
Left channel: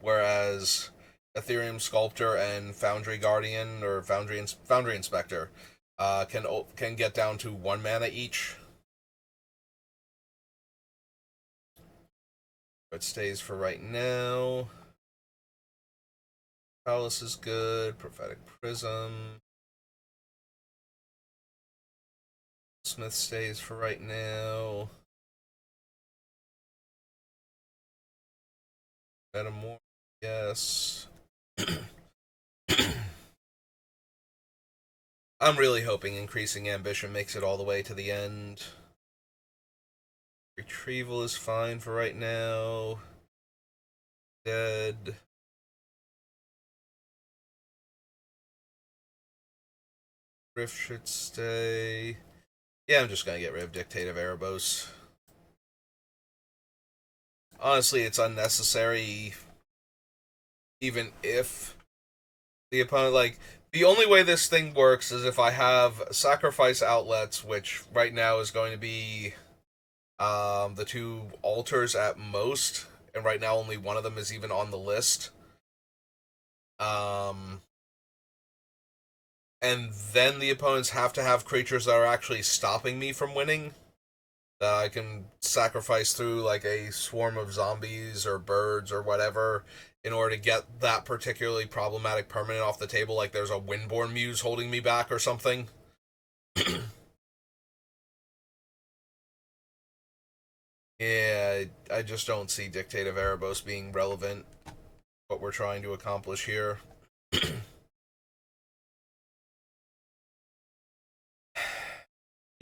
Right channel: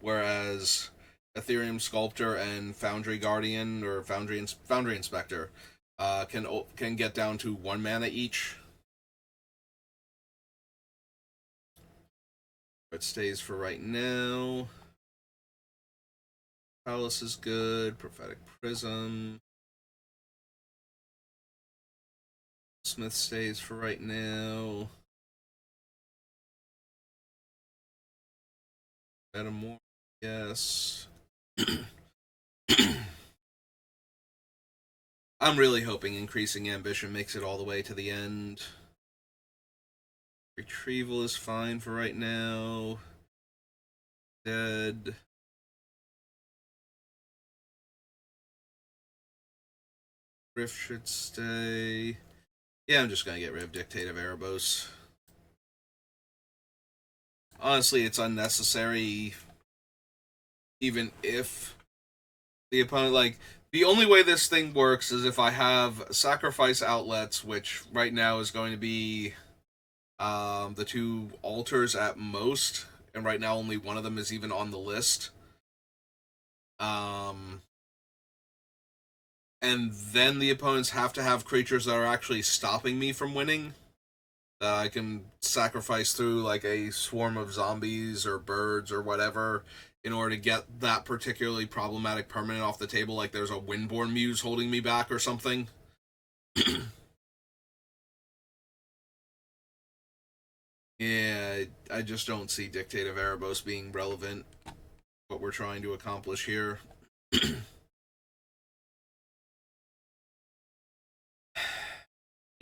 whereas Ethereum Sculptor and Foundry Guardian or Foundry Inspector can get down to 1 mana each. It stays for right now. Palace is good. Prophetic Prism. Smith stays for right now. Metamorph, yes. I'm really hoping Increasing Ambition makes it all the way to the end. Retrieval is fine for right now. Dead. Rift should stay. Yeah, I'm just gonna get rid of Dictate of Erebos. Honestly, it's unnecessary. Even if the opponent, like, the only way this thing works is if I have sacrifice outlets, which right now is going to be the 2 altars at most, and right now only one of them is even on the list. And then the opponents have to have creatures that are actually stopping me from winning, that I can sacrifice through like a swarm of zombies or birds or whatever in order to get that particularly problematic permanent off the table, like there's a Windborn Muse holding me back or something. Yeah, I just don't see Dictate of Erebos being relevant, what we're trying to accomplish here.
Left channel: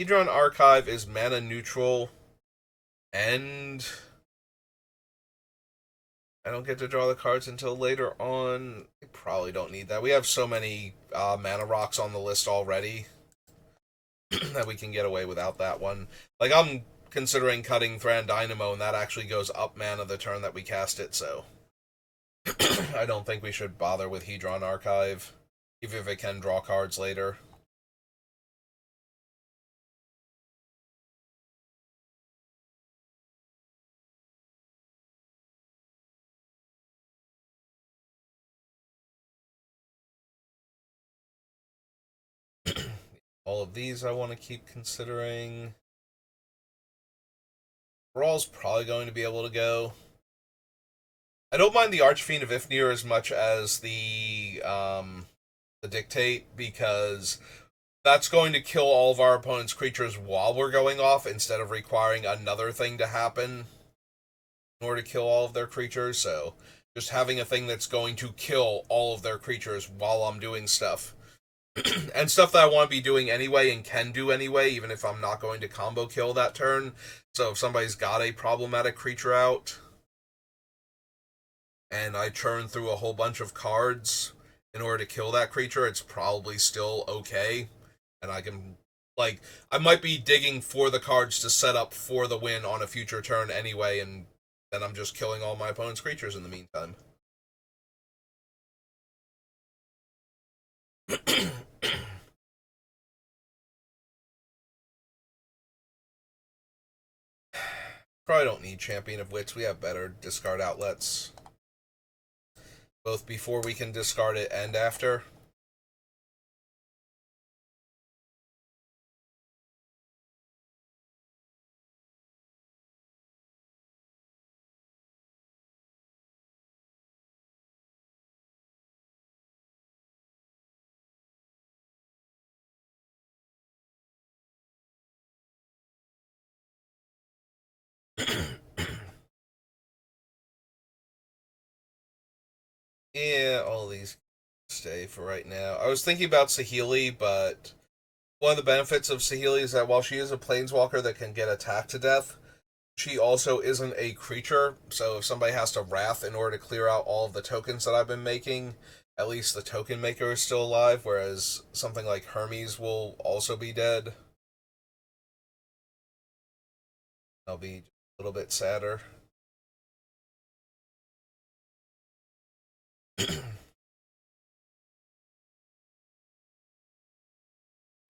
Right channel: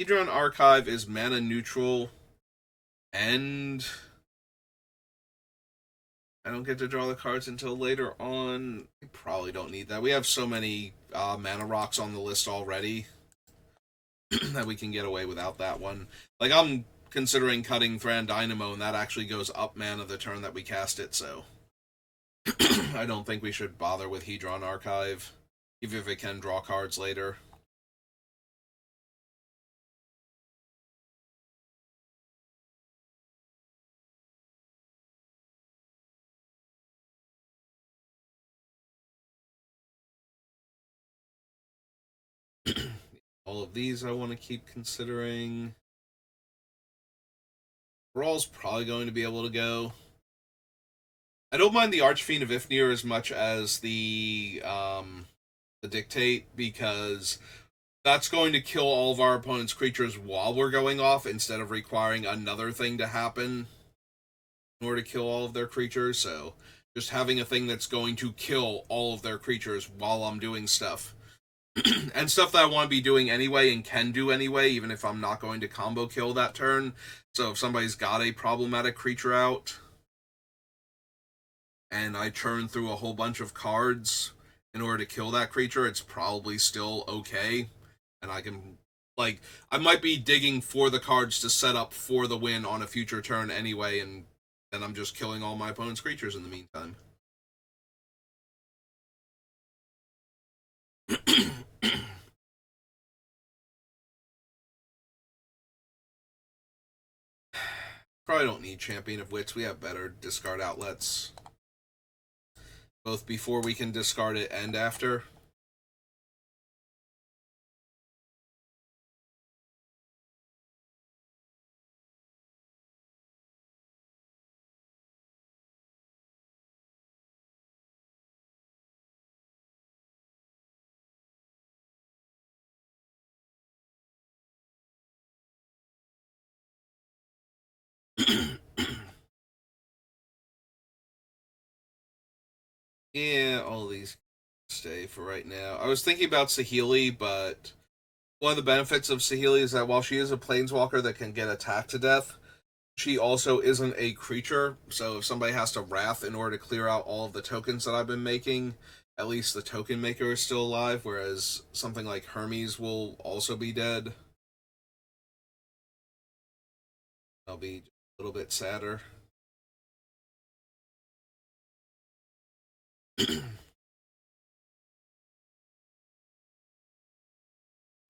Hedron Archive is mana neutral, and I don't get to draw the cards until later on. I probably don't need that. We have so many mana rocks on the list already that we can get away without that one. Like, I'm considering cutting Thran Dynamo, and that actually goes up mana the turn that we cast it, so I don't think we should bother with Hedron Archive, even if it can draw cards later. All of these I want to keep considering. Rawl's probably going to be able to go. I don't mind the Archfiend of Ifnir as much as the Dictate, because that's going to kill all of our opponent's creatures while we're going off instead of requiring another thing to happen in order to kill all of their creatures. So just having a thing that's going to kill all of their creatures while I'm doing stuff. And stuff that I want to be doing anyway and can do anyway, even if I'm not going to combo kill that turn. So if somebody's got a problematic creature out and I churn through a whole bunch of cards in order to kill that creature, it's probably still okay. And I can, like, I might be digging for the cards to set up for the win on a future turn anyway, and then I'm just killing all my opponent's creatures in the meantime. Probably don't need Champion of Wits. We have better discard outlets, both before we can discard it and after. Yeah, all these stay for right now. I was thinking about Saheeli, but one of the benefits of Saheeli is that while she is a planeswalker that can get attacked to death, she also isn't a creature. So if somebody has to Wrath in order to clear out all of the tokens that I've been making, at least the token maker is still alive, whereas something like Hermes will also be dead. I'll be a little bit sadder.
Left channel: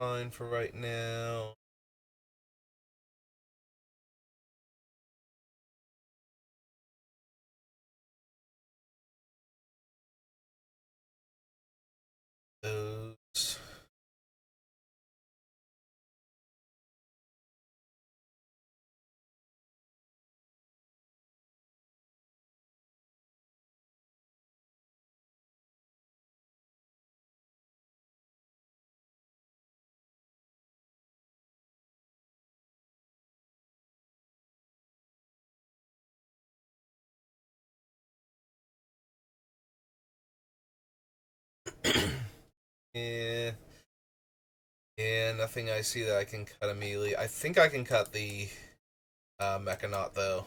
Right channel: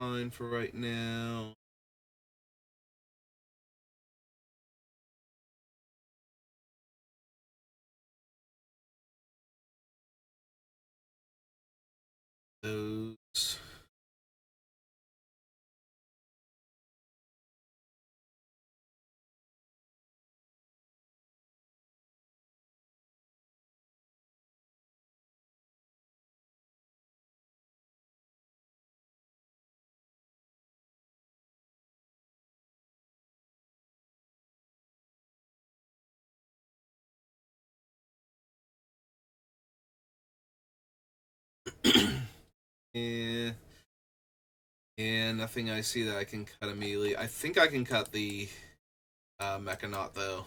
Fine for right now. Yeah. Yeah, nothing I see that I can cut immediately. I think I can cut the Mechanaut, though.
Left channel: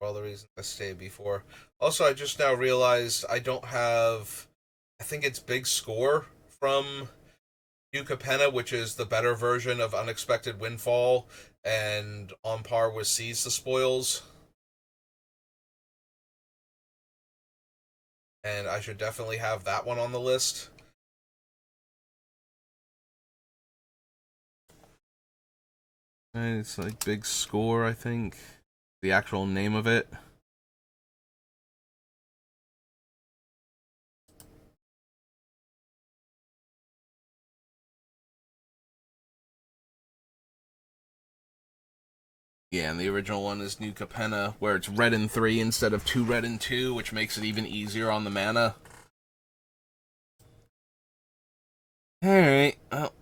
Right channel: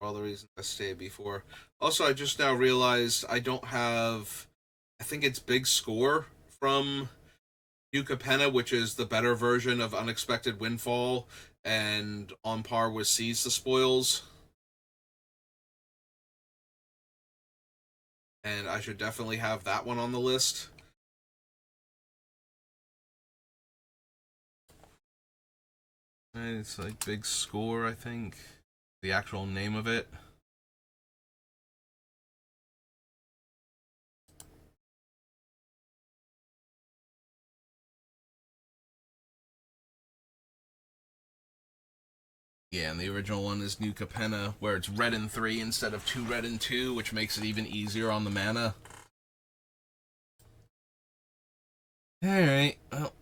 For all the reasons I stated before. Also, I just now realized I don't have... I think it's Big Score from New Capenna, which is the better version of Unexpected Windfall, and on par with Seize the Spoils. And I should definitely have that one on the list. And it's like Big Score, I think. The actual name of it. Yeah, and the original one is New Capenna, where it's red and 3 instead of 2 red and 2, which makes it even easier on the mana. Alright, well.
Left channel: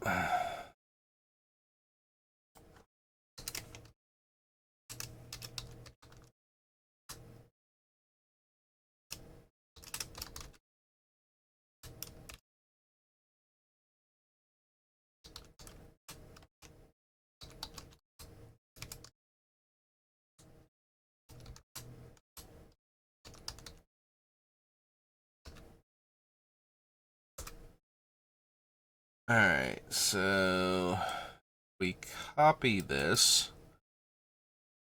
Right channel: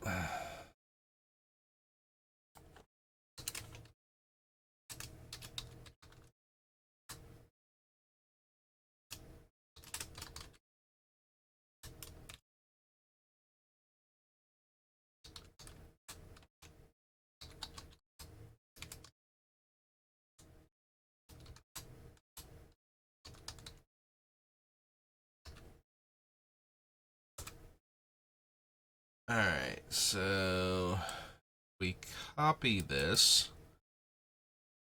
Alright, so we copy this.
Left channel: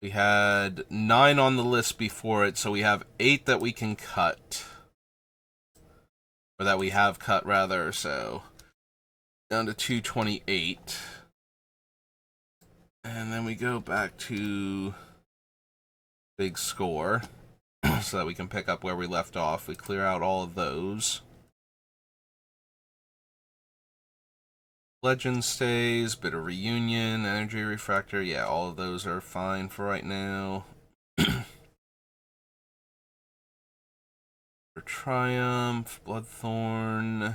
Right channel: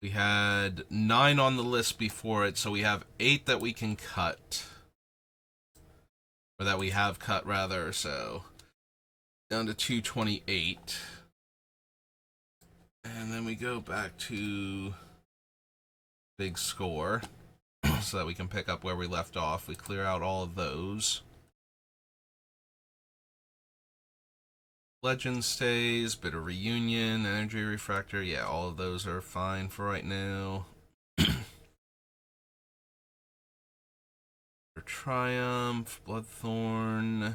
We had 9 on the list before it, so we have 8 that we can cut. Or that we have cut, rather, so down to 228. And then we go back to Big Score so that we can pick up where we left off. We clear out all of those. Legend stays, Bitter Reunion, Energy Refractor. Yeah, all of those are fine for right now. For Triumph, Bloodthorn. I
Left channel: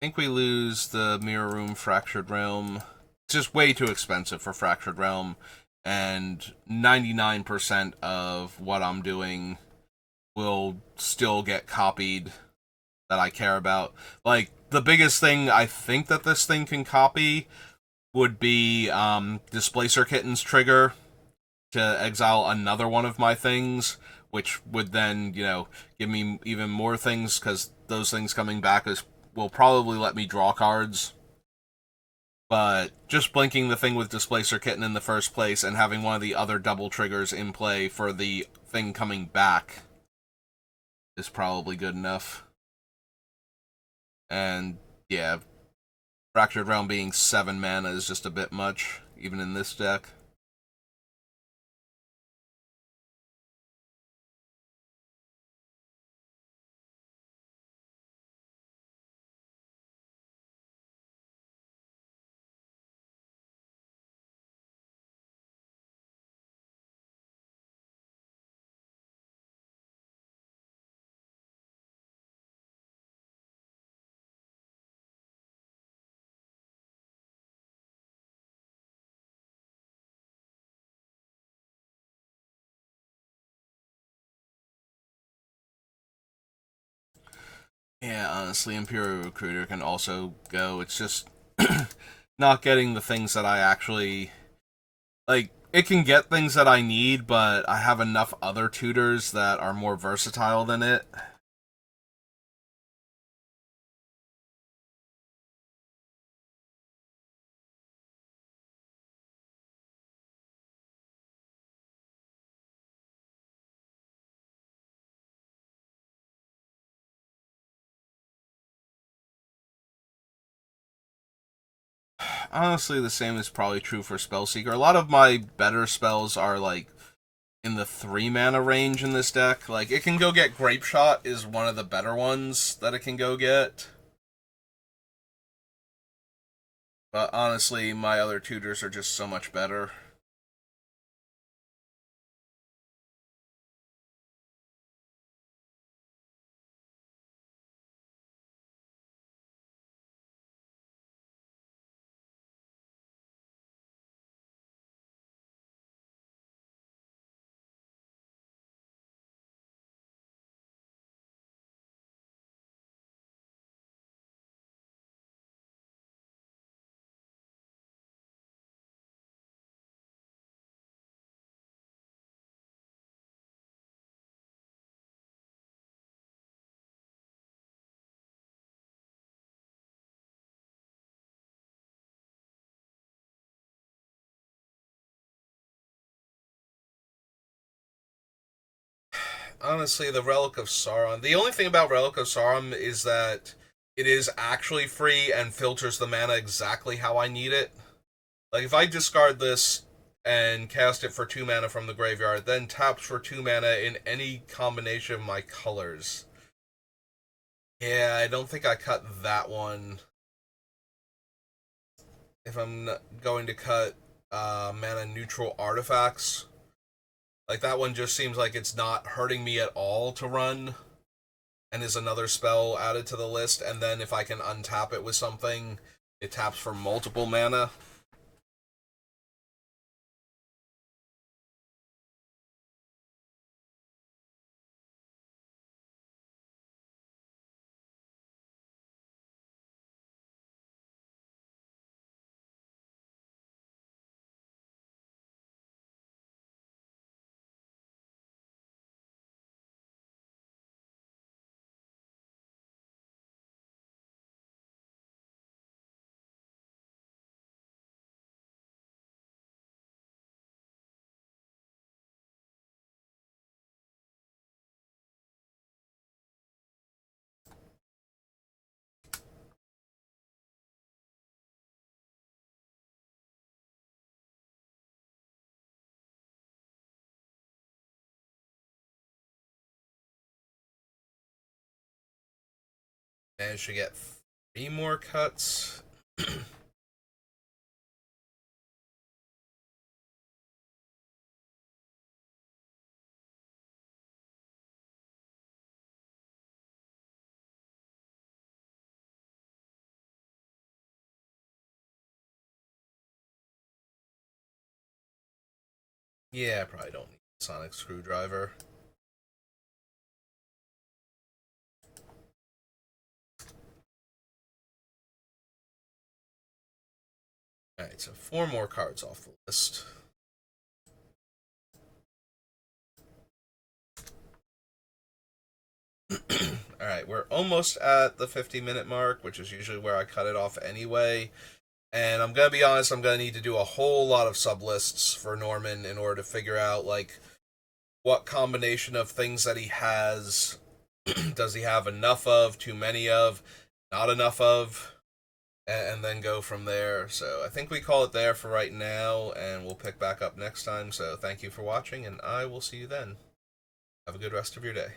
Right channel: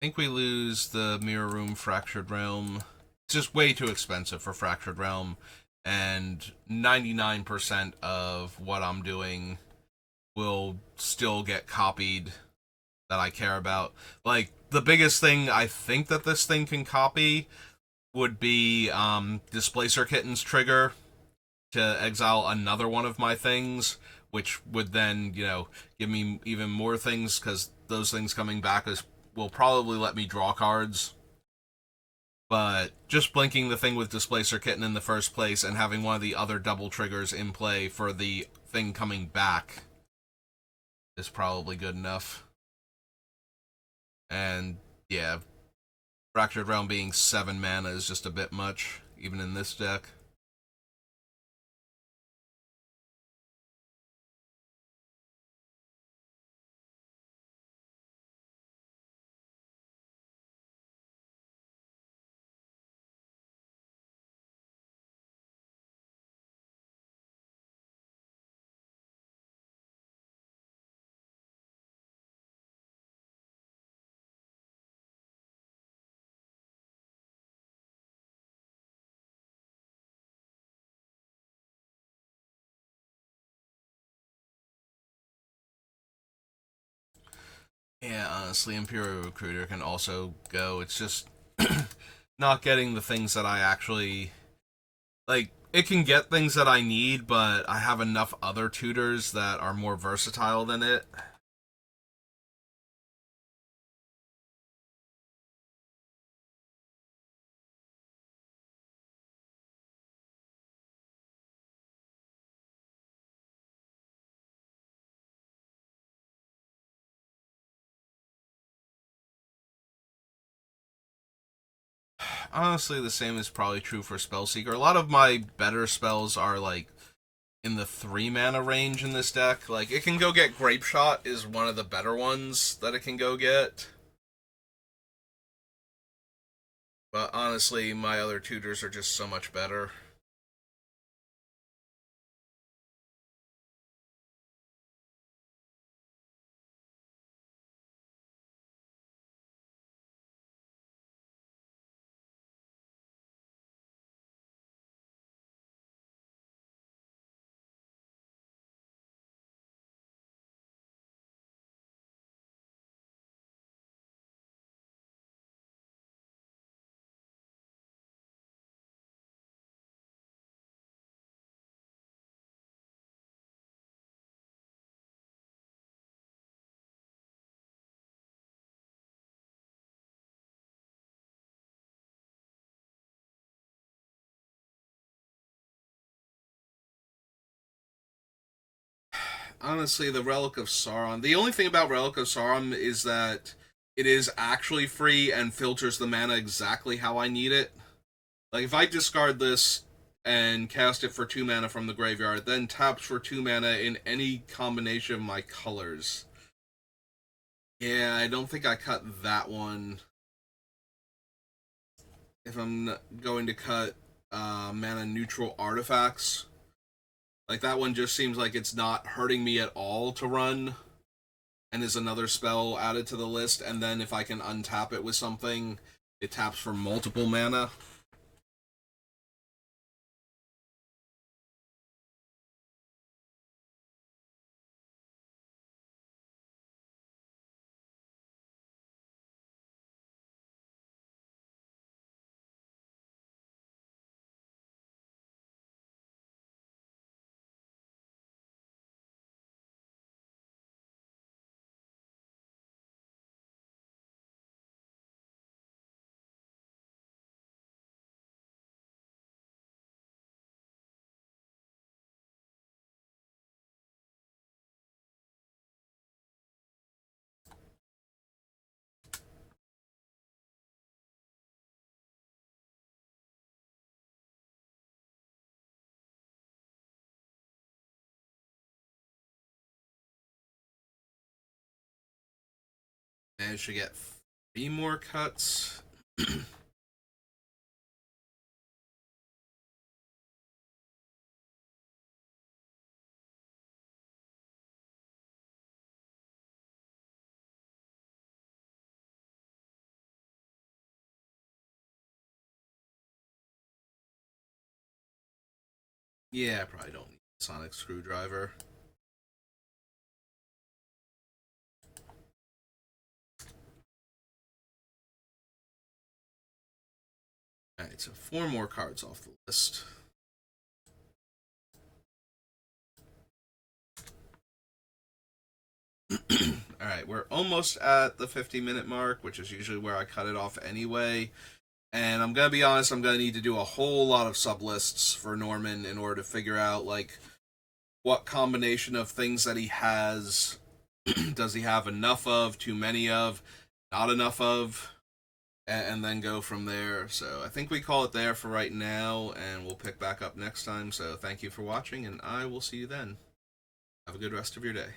think we lose the Mirror Room Fractured Realm. It's just way too expensive for Fractured Realm, and 99% of what I'm doing will still get copied that I care about. Like, the biggest thing I think that this thing can copy would be Displacer Kitten's trigger to exile another one of my things, which would then, give me even more things, because those things coming back will probably let me draw cards. But just blinking the thing with Displacer Kitten in the first place and having one of the other double triggers in play for the thing coming back is probably good enough. And yeah, Fractured Realm being 7 mana is just a bit much, even in this deck. Yeah, honestly, Imperial Recruiter can also go. It's just not getting the things that I actually like. It can get things that I need, but I have enough other tutors that are more versatile than it. Honestly, the same is probably true for Spellseeker. A lot of my better spells are like in the 3 mana range in this deck. Like, it can go get Grape Shot is one of the better ones that it can go get. But honestly, my other tutors are just so much better. honestly, the Relic of Sauron. The only thing about Relic of Sauron is that it is actually free and filters the mana exactly how I need it. Like, if I discard this and cast it for 2 mana from the graveyard, then taps for 2 mana in any combination of my colors. Yeah, I don't think I cut that one. If I'm going to cut mana neutral artifacts, like that one just seems like it's not hurting me at all to run, and is another spell added to the list. And then if I can untap it with something, it taps for multiple mana. Managed to get 3 more cuts. Yeah, I probably don't need a sonic screwdriver. Alright, so 4 more cards off the list. Alright, we're almost at the 50-minute mark, which is usually where I cut it off anyway. And I'm gonna be honest, I'm gonna need to do a whole lot of sublists for Norman in order to figure out, like, what combination of things that he has does he have enough of, too many of, not enough of, and then go from there. So I think we call it there for right now, and we'll pick back up next time. So thank you for watching, and I will see you then. Have a good rest of your day.